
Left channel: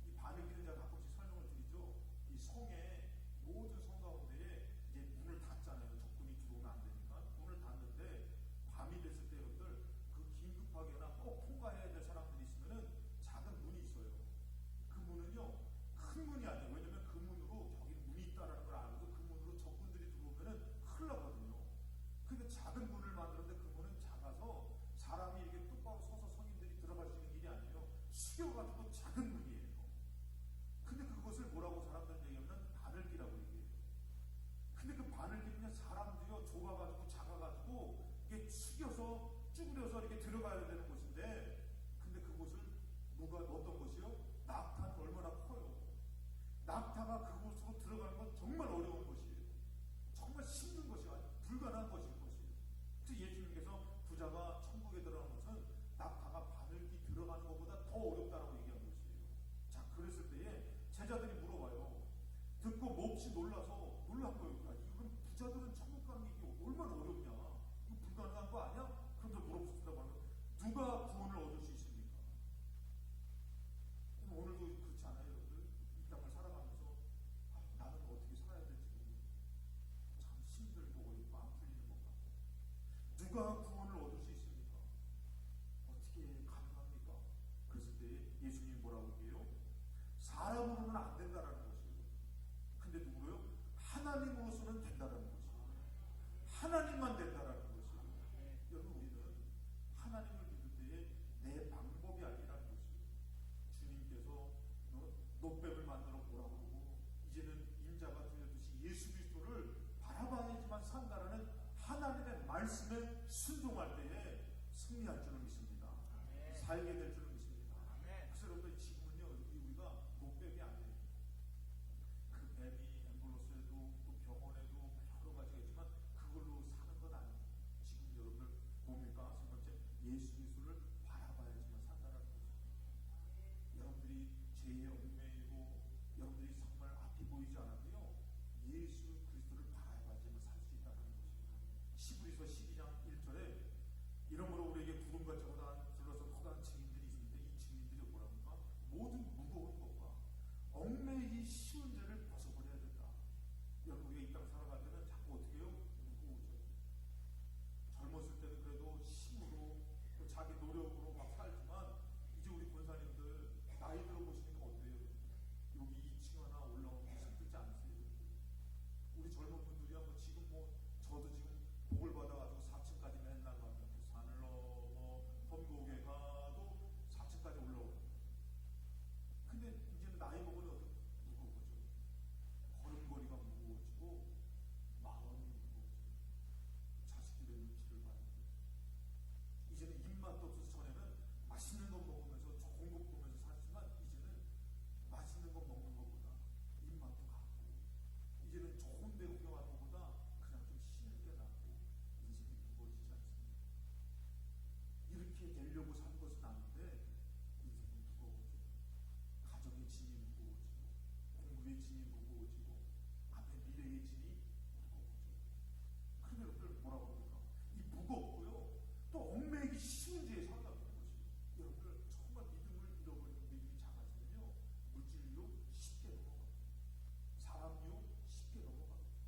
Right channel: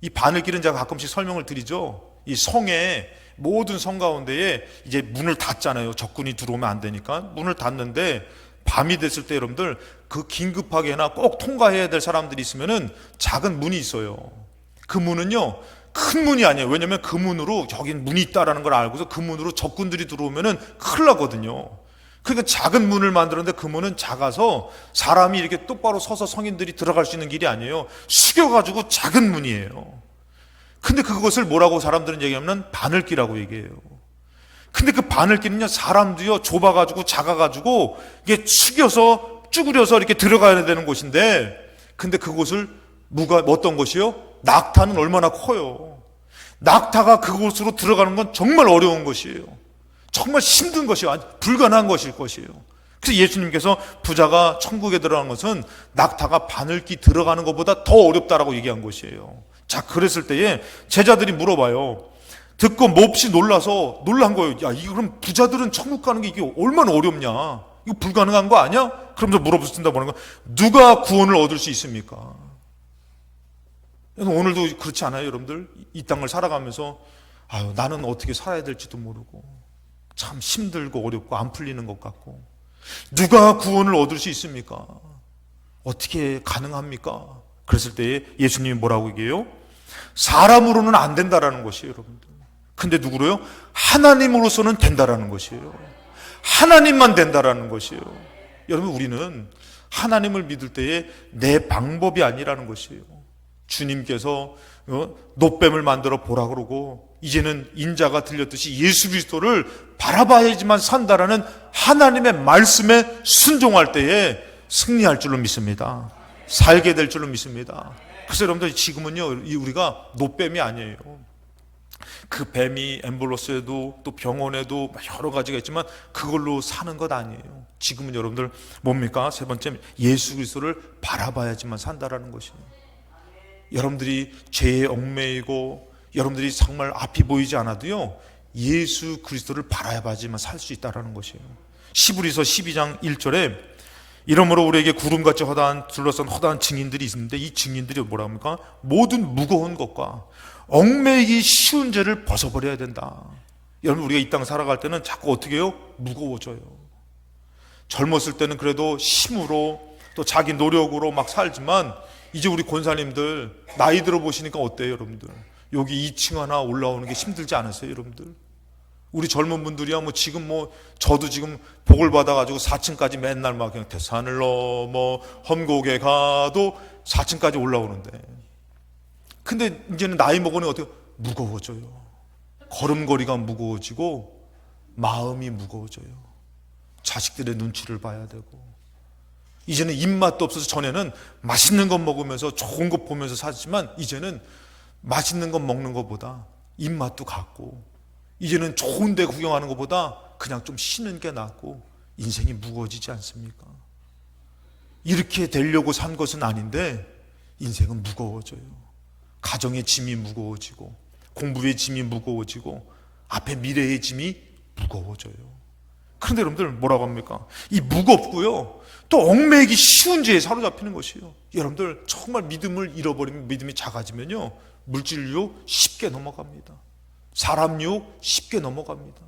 이 바늘길은 제가 가끔씩 설명을 드리죠. 이 성에, 모든 성 가운데에 이제 문을 닫잖아요. 적군이 들어오면 안 되니까 문을 닫는데, 밤이 됐을 때 여러분들 그 긴급하게나 꼭 통과해야 될 사람들이 있으면은 작은 문이 있어요. 그 문은요 큰 문이 아니에요. 왜냐면 그 문으로 여긴 문이 있다라는 걸 알고서 그 문으로 적군들이 들어오면은 큰일 나거든요. 그러니까 작은 문을 만들었는데 그 문은 작아서 사람이 이렇게 똑바로 서서 성인들이 들어갈 수 있는 길이 아니에요. 숙여가지고 작은 문이에요. 근데 그것을 뭐라고 사람들은 얘기하면 바늘길이라고 얘기해요. 근데 그 바늘길은요 사람도요 좁아가지고 작아가지고 이게 숙여서 쭈그려서 이렇게 들어가야 되는 곳인데, 근데 그곳을 어떤 것이요? 낙타는 얼마나 커요. 낙타가 그곳으로 들어가는 건 정말 어려운 것이에요. 정말 힘든 것이에요. 불가능한 것일 것이에요. 그래서 예수님께서 부자가 천국에 들어가는 것은 낙타가 바늘길 들어가는 것보다 더 어렵다라고 얘기한 것이에요. 자, 그랬을 때에 제자들이 물어봐요. 듣고 몹시 놀란 거예요. 야, 이거 그럼 부자들은 천국 가는 게 이게 얼마나 어렵냐? 이거 불가능한 거 아니야? 그러면서 물어붙는다 보는 거. 누가 구원을 얻을 수 있습니까? 오늘도 그렇지 않아요, 여러분들? 이 땅을 살아가면서 아유, 나는 어떻게 살아야 될지도 모르고 참 힘들고 어렵고 안 풀리는 것 같고, 누가 구원을 얻을 수 있습니까? 어떻게 가능합니까? 그랬을 때 예수님이 뭐라고 얘기해요? 사람으로는 안 된다라는 것이에요, 여러분들. 근데 누구로요? 하나님으로서는 된다라는 것이에요. 하나님만 된다라는 것이에요. 여러분, 우리는 하나님을 믿을 때에 내 방법이 아니라는 것이에요. 주님께서 노뱀을 만들어 보라 그러고, 이제는 인자가 들렸듯이 예수 그리스도를 바라봐야지만 산다라는 하나님의 말씀에 순종할 때에 승리할 줄로 믿습니다. 살게 될 줄로 믿습니다. 그래서 여러분들 지금은요 우리가 노뱀이 아니에요. 그 뱀이 앰뷸런스에도 또 병원에도 여러 가지가 있지만 그걸로 사는 것 아니에요. 지금은 여러분들 뭡니까? 세 번째, 예수 그리스도를 바라봐야지만 산다라는 것이에요. 여러분들이 죄에 얽매이고 여러분들이 정말 앞이 보이지 않아도요 예수 그리스도를 바라봐야지만 살 수 있다라는 것이에요. 시브리서 12장 1절에 이러므로 우리에게 구름같이 둘러싼 허다한 증인들이 있는데, 이 증인들이 뭐라 합니까? 모든 무거운 것과 얽매이기 쉬운 죄를 벗어버려야 된다. 여러분, 우리가 이 땅 살아갈 때는 자꾸 어떻게 해요? 무거워져요. 젊었을 때는 그래도 힘으로 또 자기 노력으로 막 살지만, 이제 우리 권사님들 나이 들어 보시니까 어때요, 여러분들? 여기 2층 하나 올라오는 게 힘들지 않으세요, 여러분들? 우리 젊은 분들이야 지금 저도 지금 복을 받아가지고 4층까지 맨날 막 그냥 대산을 넘어 험곡에 가도 4층까지 올라오는데, 근데 이제는 나이 먹으니 어떻게 무거워져요. 걸음걸이가 무거워지고 마음이 무거워져요. 자식들의 눈치를 봐야 되고, 이제는 입맛도 없어서, 전에는 맛있는 것 먹으면서 좋은 것 보면서 살지만 이제는 맛있는 것 먹는 것보다 입맛도 같고, 이제는 좋은 데 구경하는 것보다 그냥 좀 쉬는 게 낫고, 인생이 무거워지지 않습니까? 이렇게 되려고 산 것은 아닌데 인생은 무거워져요. 가정의 짐이 무거워지고, 공부의 짐이 무거워지고, 앞에 미래의 짐이 무거워져요. 그런데 여러분들 뭐라고 합니까? 이 무겁고요 또 얽매이기 쉬운 죄에 사로잡히는 것이에요. 여러분들 정말 믿음을 잃어버리면, 믿음이 작아지면요 물질로 쉽게 넘어갑니다. 사람 유혹 쉽게 넘어갑니다.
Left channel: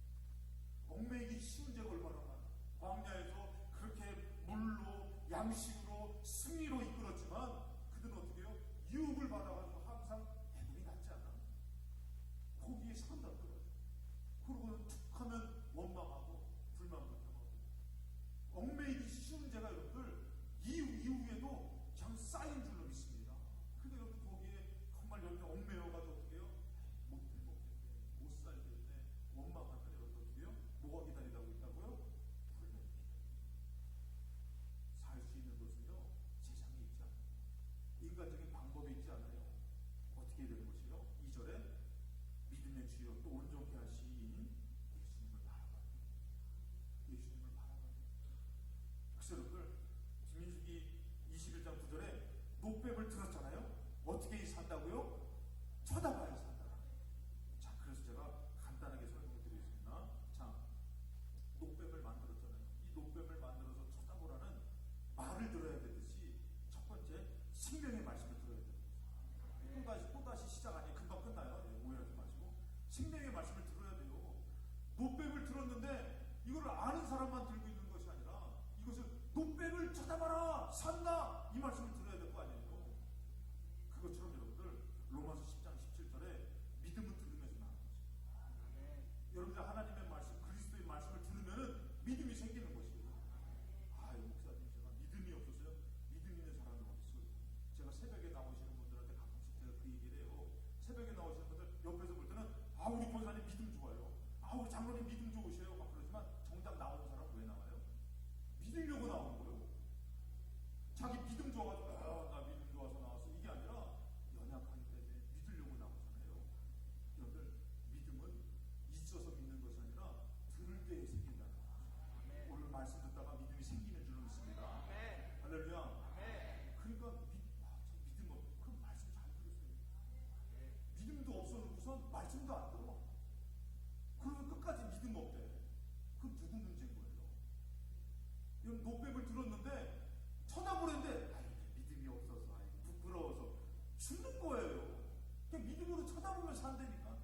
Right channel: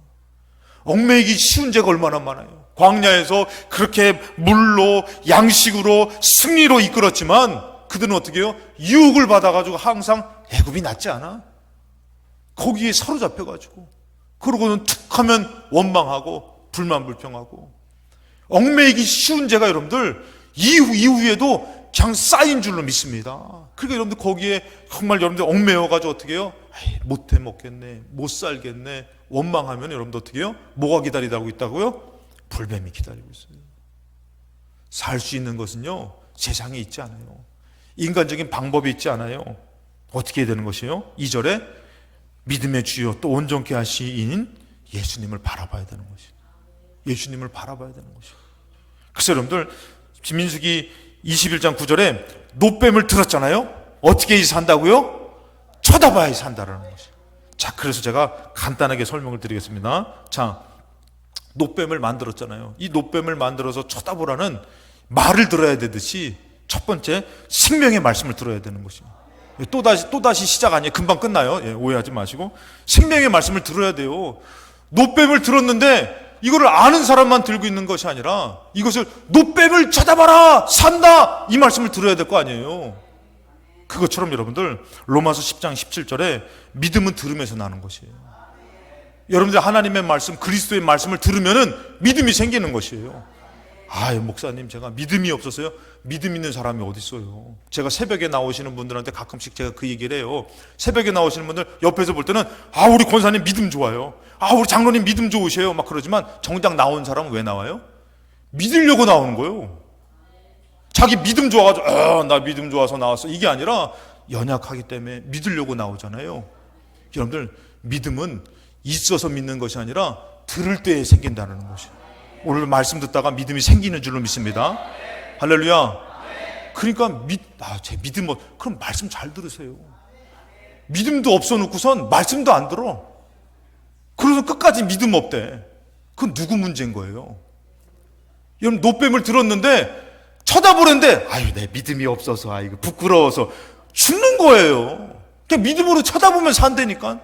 얽매이기 쉬운 죄가 얼마나 많아요. 광야에서 그렇게 물로 양식으로 승리로 이끌었지만 그들은 어떻게 해요? 유혹을 받아가지고 항상 애굽이 낫지 않아? 거기에 사로잡혀가지고 그러고는 툭 하면 원망하고 불만불평하고 얽매이기 쉬운 죄가 여러분들 이후에도 그냥 쌓인 줄로 믿습니다. 그러니까 여러분들 거기에 정말 여러분들 얽매여가지고 어떻게 해요? 못해 먹겠네, 못 살겠네, 원망하면 여러분들 어떻게 해요? 뭐가 기다리고 있다고요? 불뱀이 기다리고 있어요. 살 수 있는 것은요 세상에 있지 않아요. 인간적인 방법이 있지 않아요. 어떻게 해야 되는 것이에요? 2절에 믿음의 주요 또 온전케 하시인 예수님을 바라봐야 되는 것이에요. 예수님을 바라봐야 되는 것이에요. 그래서 여러분들 민수기 21장 9절에 노뱀을 들었잖아요. 어떻게 산다고요? 쳐다봐야 산다라는 것이에요. 자, 그래서 제가 간단하게 설명을 드리겠습니다. 자, 노뱀을 만들었잖아요. 이 노뱀을 만들어서 쳐다보라는 말을 들어야 되듯이 첫 번째 생명의 말씀을 들어야 되는 것입니다. 또다시 시작 아니에요. 금방 끝나요. 예, 오해하지 마시고 생명의 말씀을 들어야 돼요. 노뱀을 들었는데 이거를 아는 사람만 들고 있는 것이 아니라 이것을 노뱀을 쳐다봐라 산다 이 말씀을 들어야 될 거 아니에요. 그것처럼 여러분들 로마서 10장 17절에 믿음은 들음에서 나는 것이에요. 여러분들 하나님의 말씀 그리스도의 말씀을 들으면은 믿음이 생기는 것이에요. 목사님 제가 믿음이 없어서요. 믿음 있는 사람이 어디 있어요. 제가 새벽에 나오시는 분들한테 가끔씩 제가 그 얘기를 해요. 새벽에 나오시는 분들 옆에서 볼 때는 우리 권사님 믿음 좋아요, 우리 장로님 믿음 좋으세요 막 그러지만 정작 나온 사람은 왜 나와요? 믿으려고 나오는 거예요. 자기 믿음 좋아가지고 나 믿음 좋아서 나왔어 이게 아니라 연약하기 때문에 믿으려고 나오잖아요. 여러분들 믿음은 있어서 믿는 것이 아니라 들을 때에 생긴다는 것이에요. 오늘 말씀 듣다가 믿음이 생기는 줄로 믿습니다. 할렐루야. 그러니까 제 믿음 그럼 말씀 잘 들으세요. 믿음도 없어 놓고선 말씀도 안 들어. 그래서 끝까지 믿음 없대. 그건 누구 문제인 거예요? 여러분 노뱀을 들었는데 쳐다보는데 내 믿음이 없어서 이거 부끄러워서 죽는 거예요. 그냥 믿음으로 쳐다보면 산다니까.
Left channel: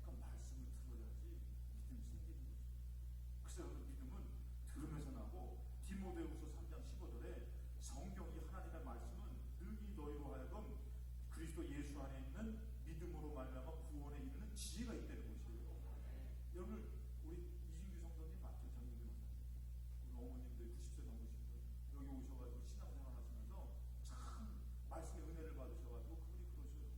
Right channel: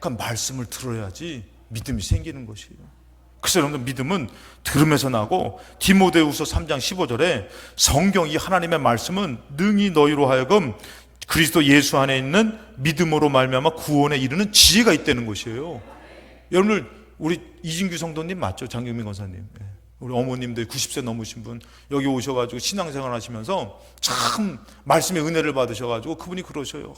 그러니까 말씀을 들어야지 믿음이 생기는 것이에요. 그래서 여러분들 믿음은 들음에서 나고 디모데후서 3장 15절에 성경 이 하나님의 말씀은 능히 너희로 하여금 그리스도 예수 안에 있는 믿음으로 말미암아 구원에 이르는 지혜가 있다는 것이에요. 여러분들 우리 이진규 성도님 맞죠? 장경민 권사님. 우리 어머님들 90세 넘으신 분 여기 오셔가지고 신앙생활 하시면서 참 말씀의 은혜를 받으셔가지고 그분이 그러셔요.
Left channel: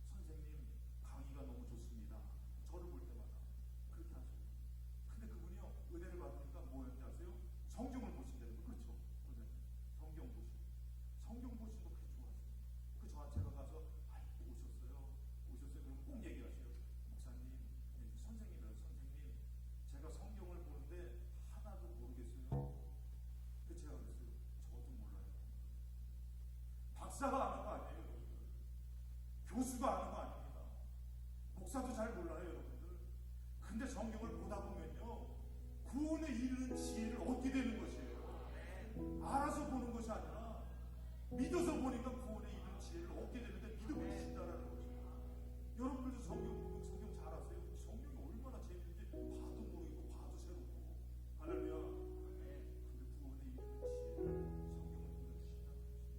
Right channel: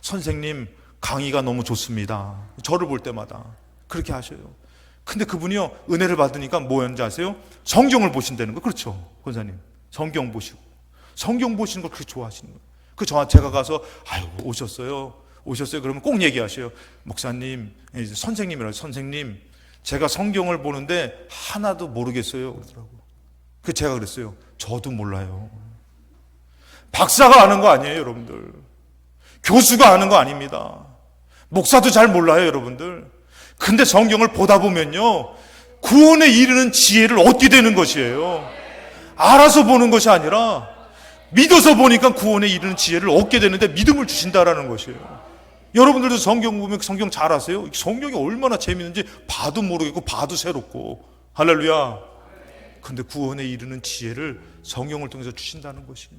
선생님 강의가 너무 좋습니다. 저를 볼 때마다 그렇게 하셔요. 근데 그분이요 은혜를 받으니까 뭐였는지 아세요? 성경을 보신다는 거. 그렇죠 권사님. 성경 보시고 성경 보시는 걸 그렇게 좋아하시는 거예요. 제가 가서 오셨어요 그러면 꼭 얘기하셔요. 목사님 선생님이라고 선생님 제가 성경을 보는데 하나도 모르겠어요 그러더라고요. 그래서 제가 그랬어요. 저도 몰라요. 박사가 아는 거 아니에요 여러분들. 교수가 아는 거 아닙니다. 목사도 잘 몰라요 여러분들. 근데 성경을 보다 보면요 구원에 이르는 지혜를 얻게 되는 것이에요. 알아서 보는 것이 아니라 믿어서 보니까 구원에 이르는 지혜를 얻게 되는데 믿음을 주신다라는 것이에요. 여러분들도 성경 보면 성경 잘 아세요? 성경이 얼마나 재미있는지 봐도 모르겠고 봐도 새롭고. 할렐루야. 근데 구원에 이르는 지혜를 성경을 통해서 주신다는 것이에요.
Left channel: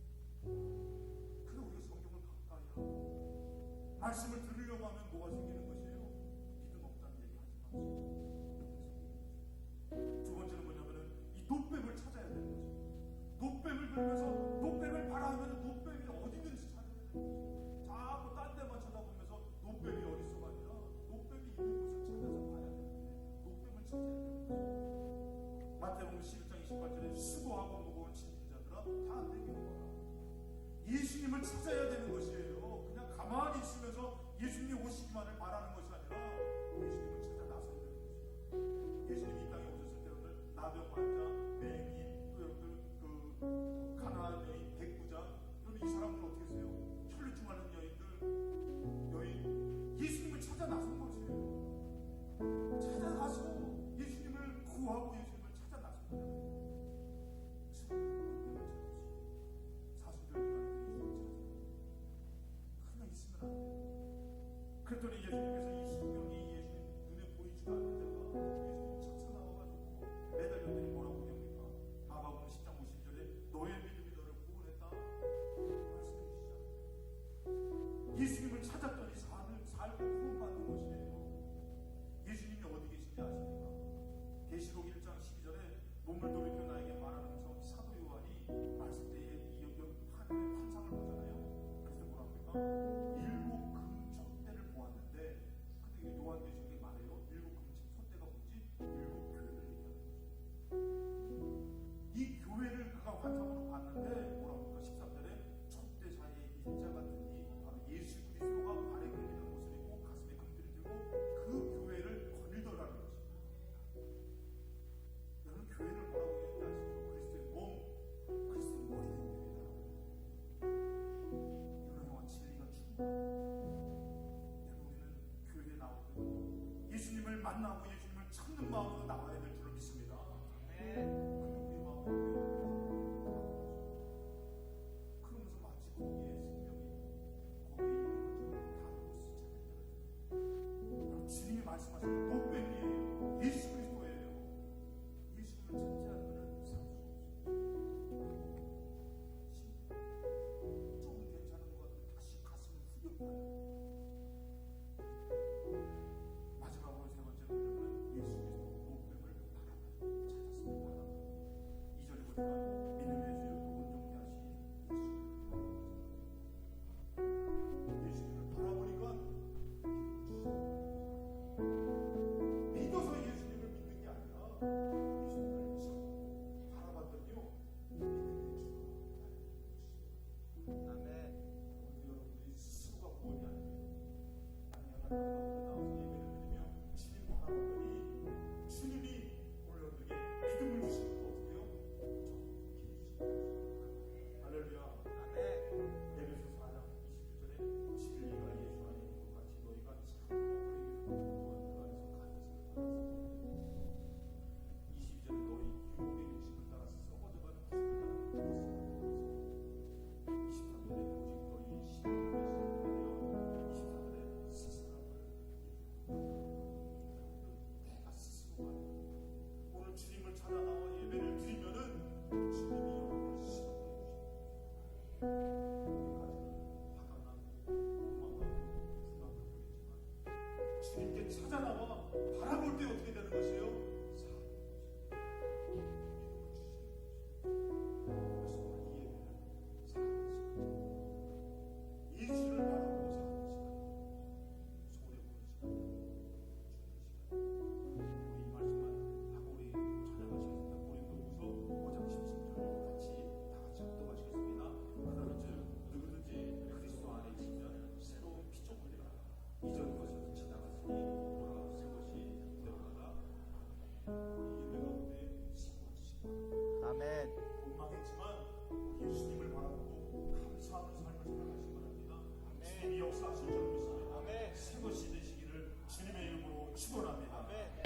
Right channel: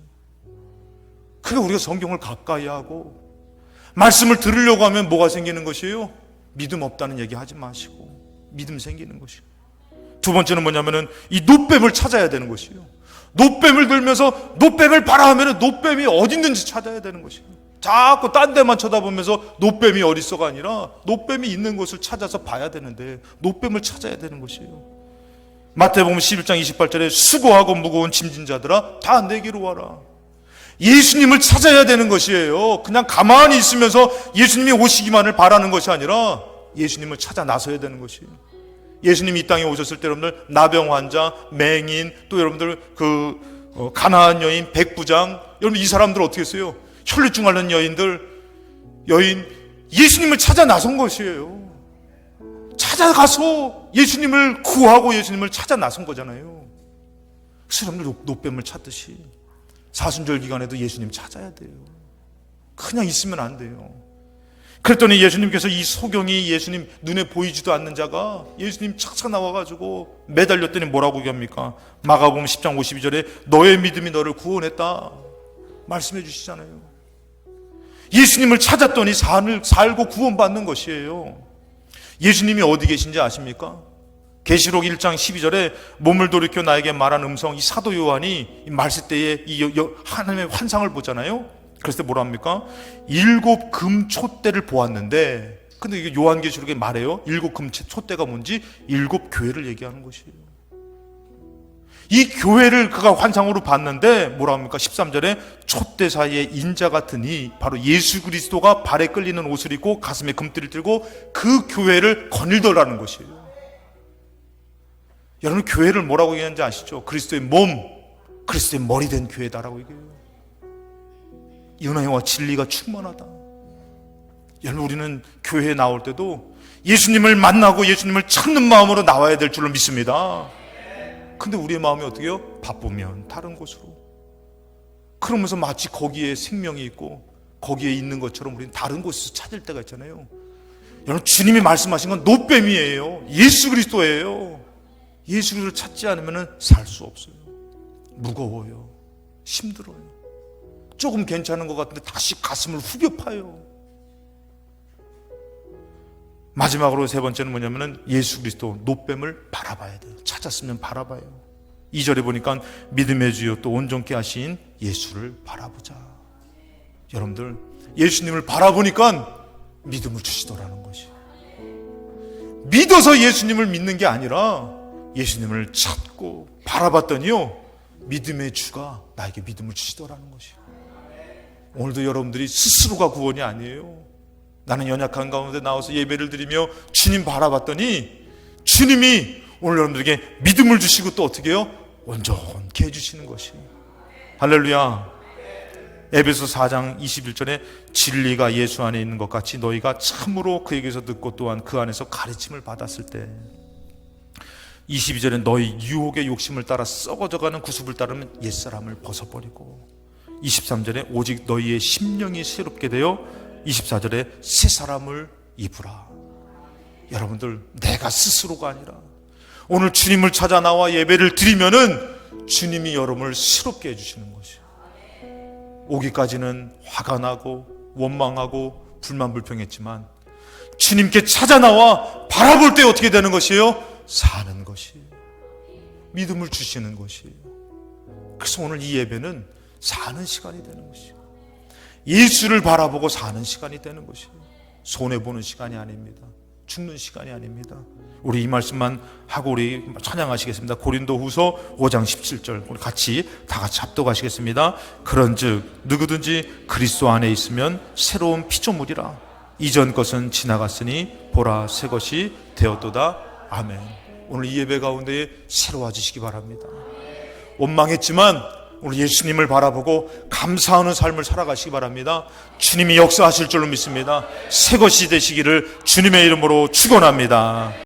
그러니까 우리가 성경을 가까이 하고 말씀을 들으려고 하면 뭐가 생기는 것이에요? 믿음 없다는 얘기 하지 마시고 믿음 생기는 것이에요. 두 번째는 뭐냐면은 이 노뱀을 찾아야 되는 것이에요. 노뱀을 들면서 노뱀을 봐라 하면은 노뱀이 어디 있는지 찾아야 되는 것이에요. 자꾸 딴 데만 쳐다보면서 노뱀이 어디 있어가 아니라 노뱀이 있는 곳을 찾아서 봐야 되는데 노뱀을 찾아야 되는 것이에요. 마태복음 11장 28절에 수고하고 무거운 짐진 자들아 다 내게로 와라. 예수님을 찾아야 되는 것이에요. 그냥 가만히 있으면서 예수님이 오시기만을 바라는 것이 아니라 예수님을 찾아 나서야 되는 것이에요. 예수님이 이 땅에 오셨을 때 여러분들 나병 환자, 맹인, 또 여러분들 가나안 여인, 백부장, 여러분 이 사람들 어떻게 했어요? 혈류증 앓는 여인 예수님을 찾아 나선 것이에요. 찾아가서 예수님을 구하고 예수님을 찾아 나선 거잖아요. 그래서 여러분들 노뱀을 찾듯이 사순절 기간에도 예수님 찾아야 돼요. 그냥 있으면 안 돼요. 그랬더니 예수님께서 이 소경이 예수님 눈에 보이지도 않는 자가 예수님 착착 나와가지고 매달렸더니 뭐라고 얘기합니까? 마가복음 10장 52절에 너의 믿음이 너를 구원했다 말씀해 주시잖아요. 예수님을 찾았더니 살고 구원받는 것이에요. 예수님이 어디 계신지 아십니까? 계시록 1장 12절에 몸을 돌이켜 나에게 말한 음성, 이 사도 요한이 말씀 때에 이 하나님의 환상을 보잖아요. 그랬을 때 뭐라 합니까? 7 금촛대를 보았는데, 근데 이게 요한계시록에 말해요. 7 금촛대가 뭔지 7 교회를 얘기하는 것이에요. 이 교회를 그가 환상으로 봤는데 뭐라 합니까? 13절에 촛대 사이에 인자 같으니 바로 예수 그리스도가 발에 끌리는 옷을 입고 가슴에 금띠를 들고 그 교회를 거닐더라는 것이에요. 여러분, 교회를 뭐라고 얘기하는지 아시죠? 그리스도의 몸, 그리스도의 머리 된 교회다라고 얘기해요. 은혜와 진리가 충만하다. 여러분, 우리는 교회에 나올 때도 예수님을 만나고 예수님을 찾는 마음으로 나와야 될 줄로 믿습니다. 근데 우리의 마음이 어떻게 해요? 바쁘면 다른 곳으로, 그러면서 마치 거기에 생명이 있고 거기에 있는 것처럼 우리는 다른 곳에서 찾을 때가 있잖아요. 여러분, 주님이 말씀하신 건 노뱀이에요. 예수 그리스도예요. 예수 그리스도를 찾지 않으면 살 수 없어요. 무거워요. 힘들어요. 조금 괜찮은 것 같은데 다시 가슴을 후벼 파요. 마지막으로 세 번째는 뭐냐면은 예수 그리스도 노뱀을 바라봐야 돼요. 찾았으면 바라봐요. 2절에 보니까 믿음의 주요 또 온전케 하신 예수를 바라보자. 여러분들, 예수님을 바라보니까 믿음을 주시더라는 것이. 믿어서 예수님을 믿는 게 아니라 예수님을 찾고 바라봤더니요, 믿음의 주가 나에게 믿음을 주시더라는 것이에요. 오늘도 여러분들이 스스로가 구원이 아니에요. 나는 연약한 가운데 나와서 예배를 드리며 주님 바라봤더니 주님이 오늘 여러분들에게 믿음을 주시고 또 어떻게 해요? 온전케 해주시는 것이에요. 할렐루야. 에베소 4장 21절에 진리가 예수 안에 있는 것 같이 너희가 참으로 그에게서 듣고 또한 그 안에서 가르침을 받았을 때, 22절에 너희 유혹의 욕심을 따라 썩어져가는 구습을 따르면 옛사람을 벗어버리고, 23절에 오직 너희의 심령이 새롭게 되어 24절에 새 사람을 입으라. 여러분들, 내가 스스로가 아니라 오늘 주님을 찾아 나와 예배를 드리면은 주님이 여러분을 새롭게 해주시는 것이에요. 오기까지는 화가 나고 원망하고 불만불평했지만 주님께 찾아 나와 바라볼 때 어떻게 되는 것이에요? 사는 것이에요. 믿음을 주시는 것이에요. 그래서 오늘 이 예배는 사는 시간이 되는 것이에요. 예수를 바라보고 사는 시간이 되는 것이에요. 손해보는 시간이 아닙니다. 죽는 시간이 아닙니다. 우리 이 말씀만 하고 우리 찬양하시겠습니다. 고린도후서 5장 17절 우리 다 같이 합독하시겠습니다. 그런즉 누구든지 그리스도 안에 있으면 새로운 피조물이라. 이전 것은 지나갔으니 보라 새 것이 되었도다. 아멘. 오늘 이 예배 가운데 새로워지시기 바랍니다. 원망했지만 오늘 예수님을 바라보고 감사하는 삶을 살아가시기 바랍니다. 주님이 역사하실 줄로 믿습니다. 새 것이 되시기를 주님의 이름으로 축원합니다.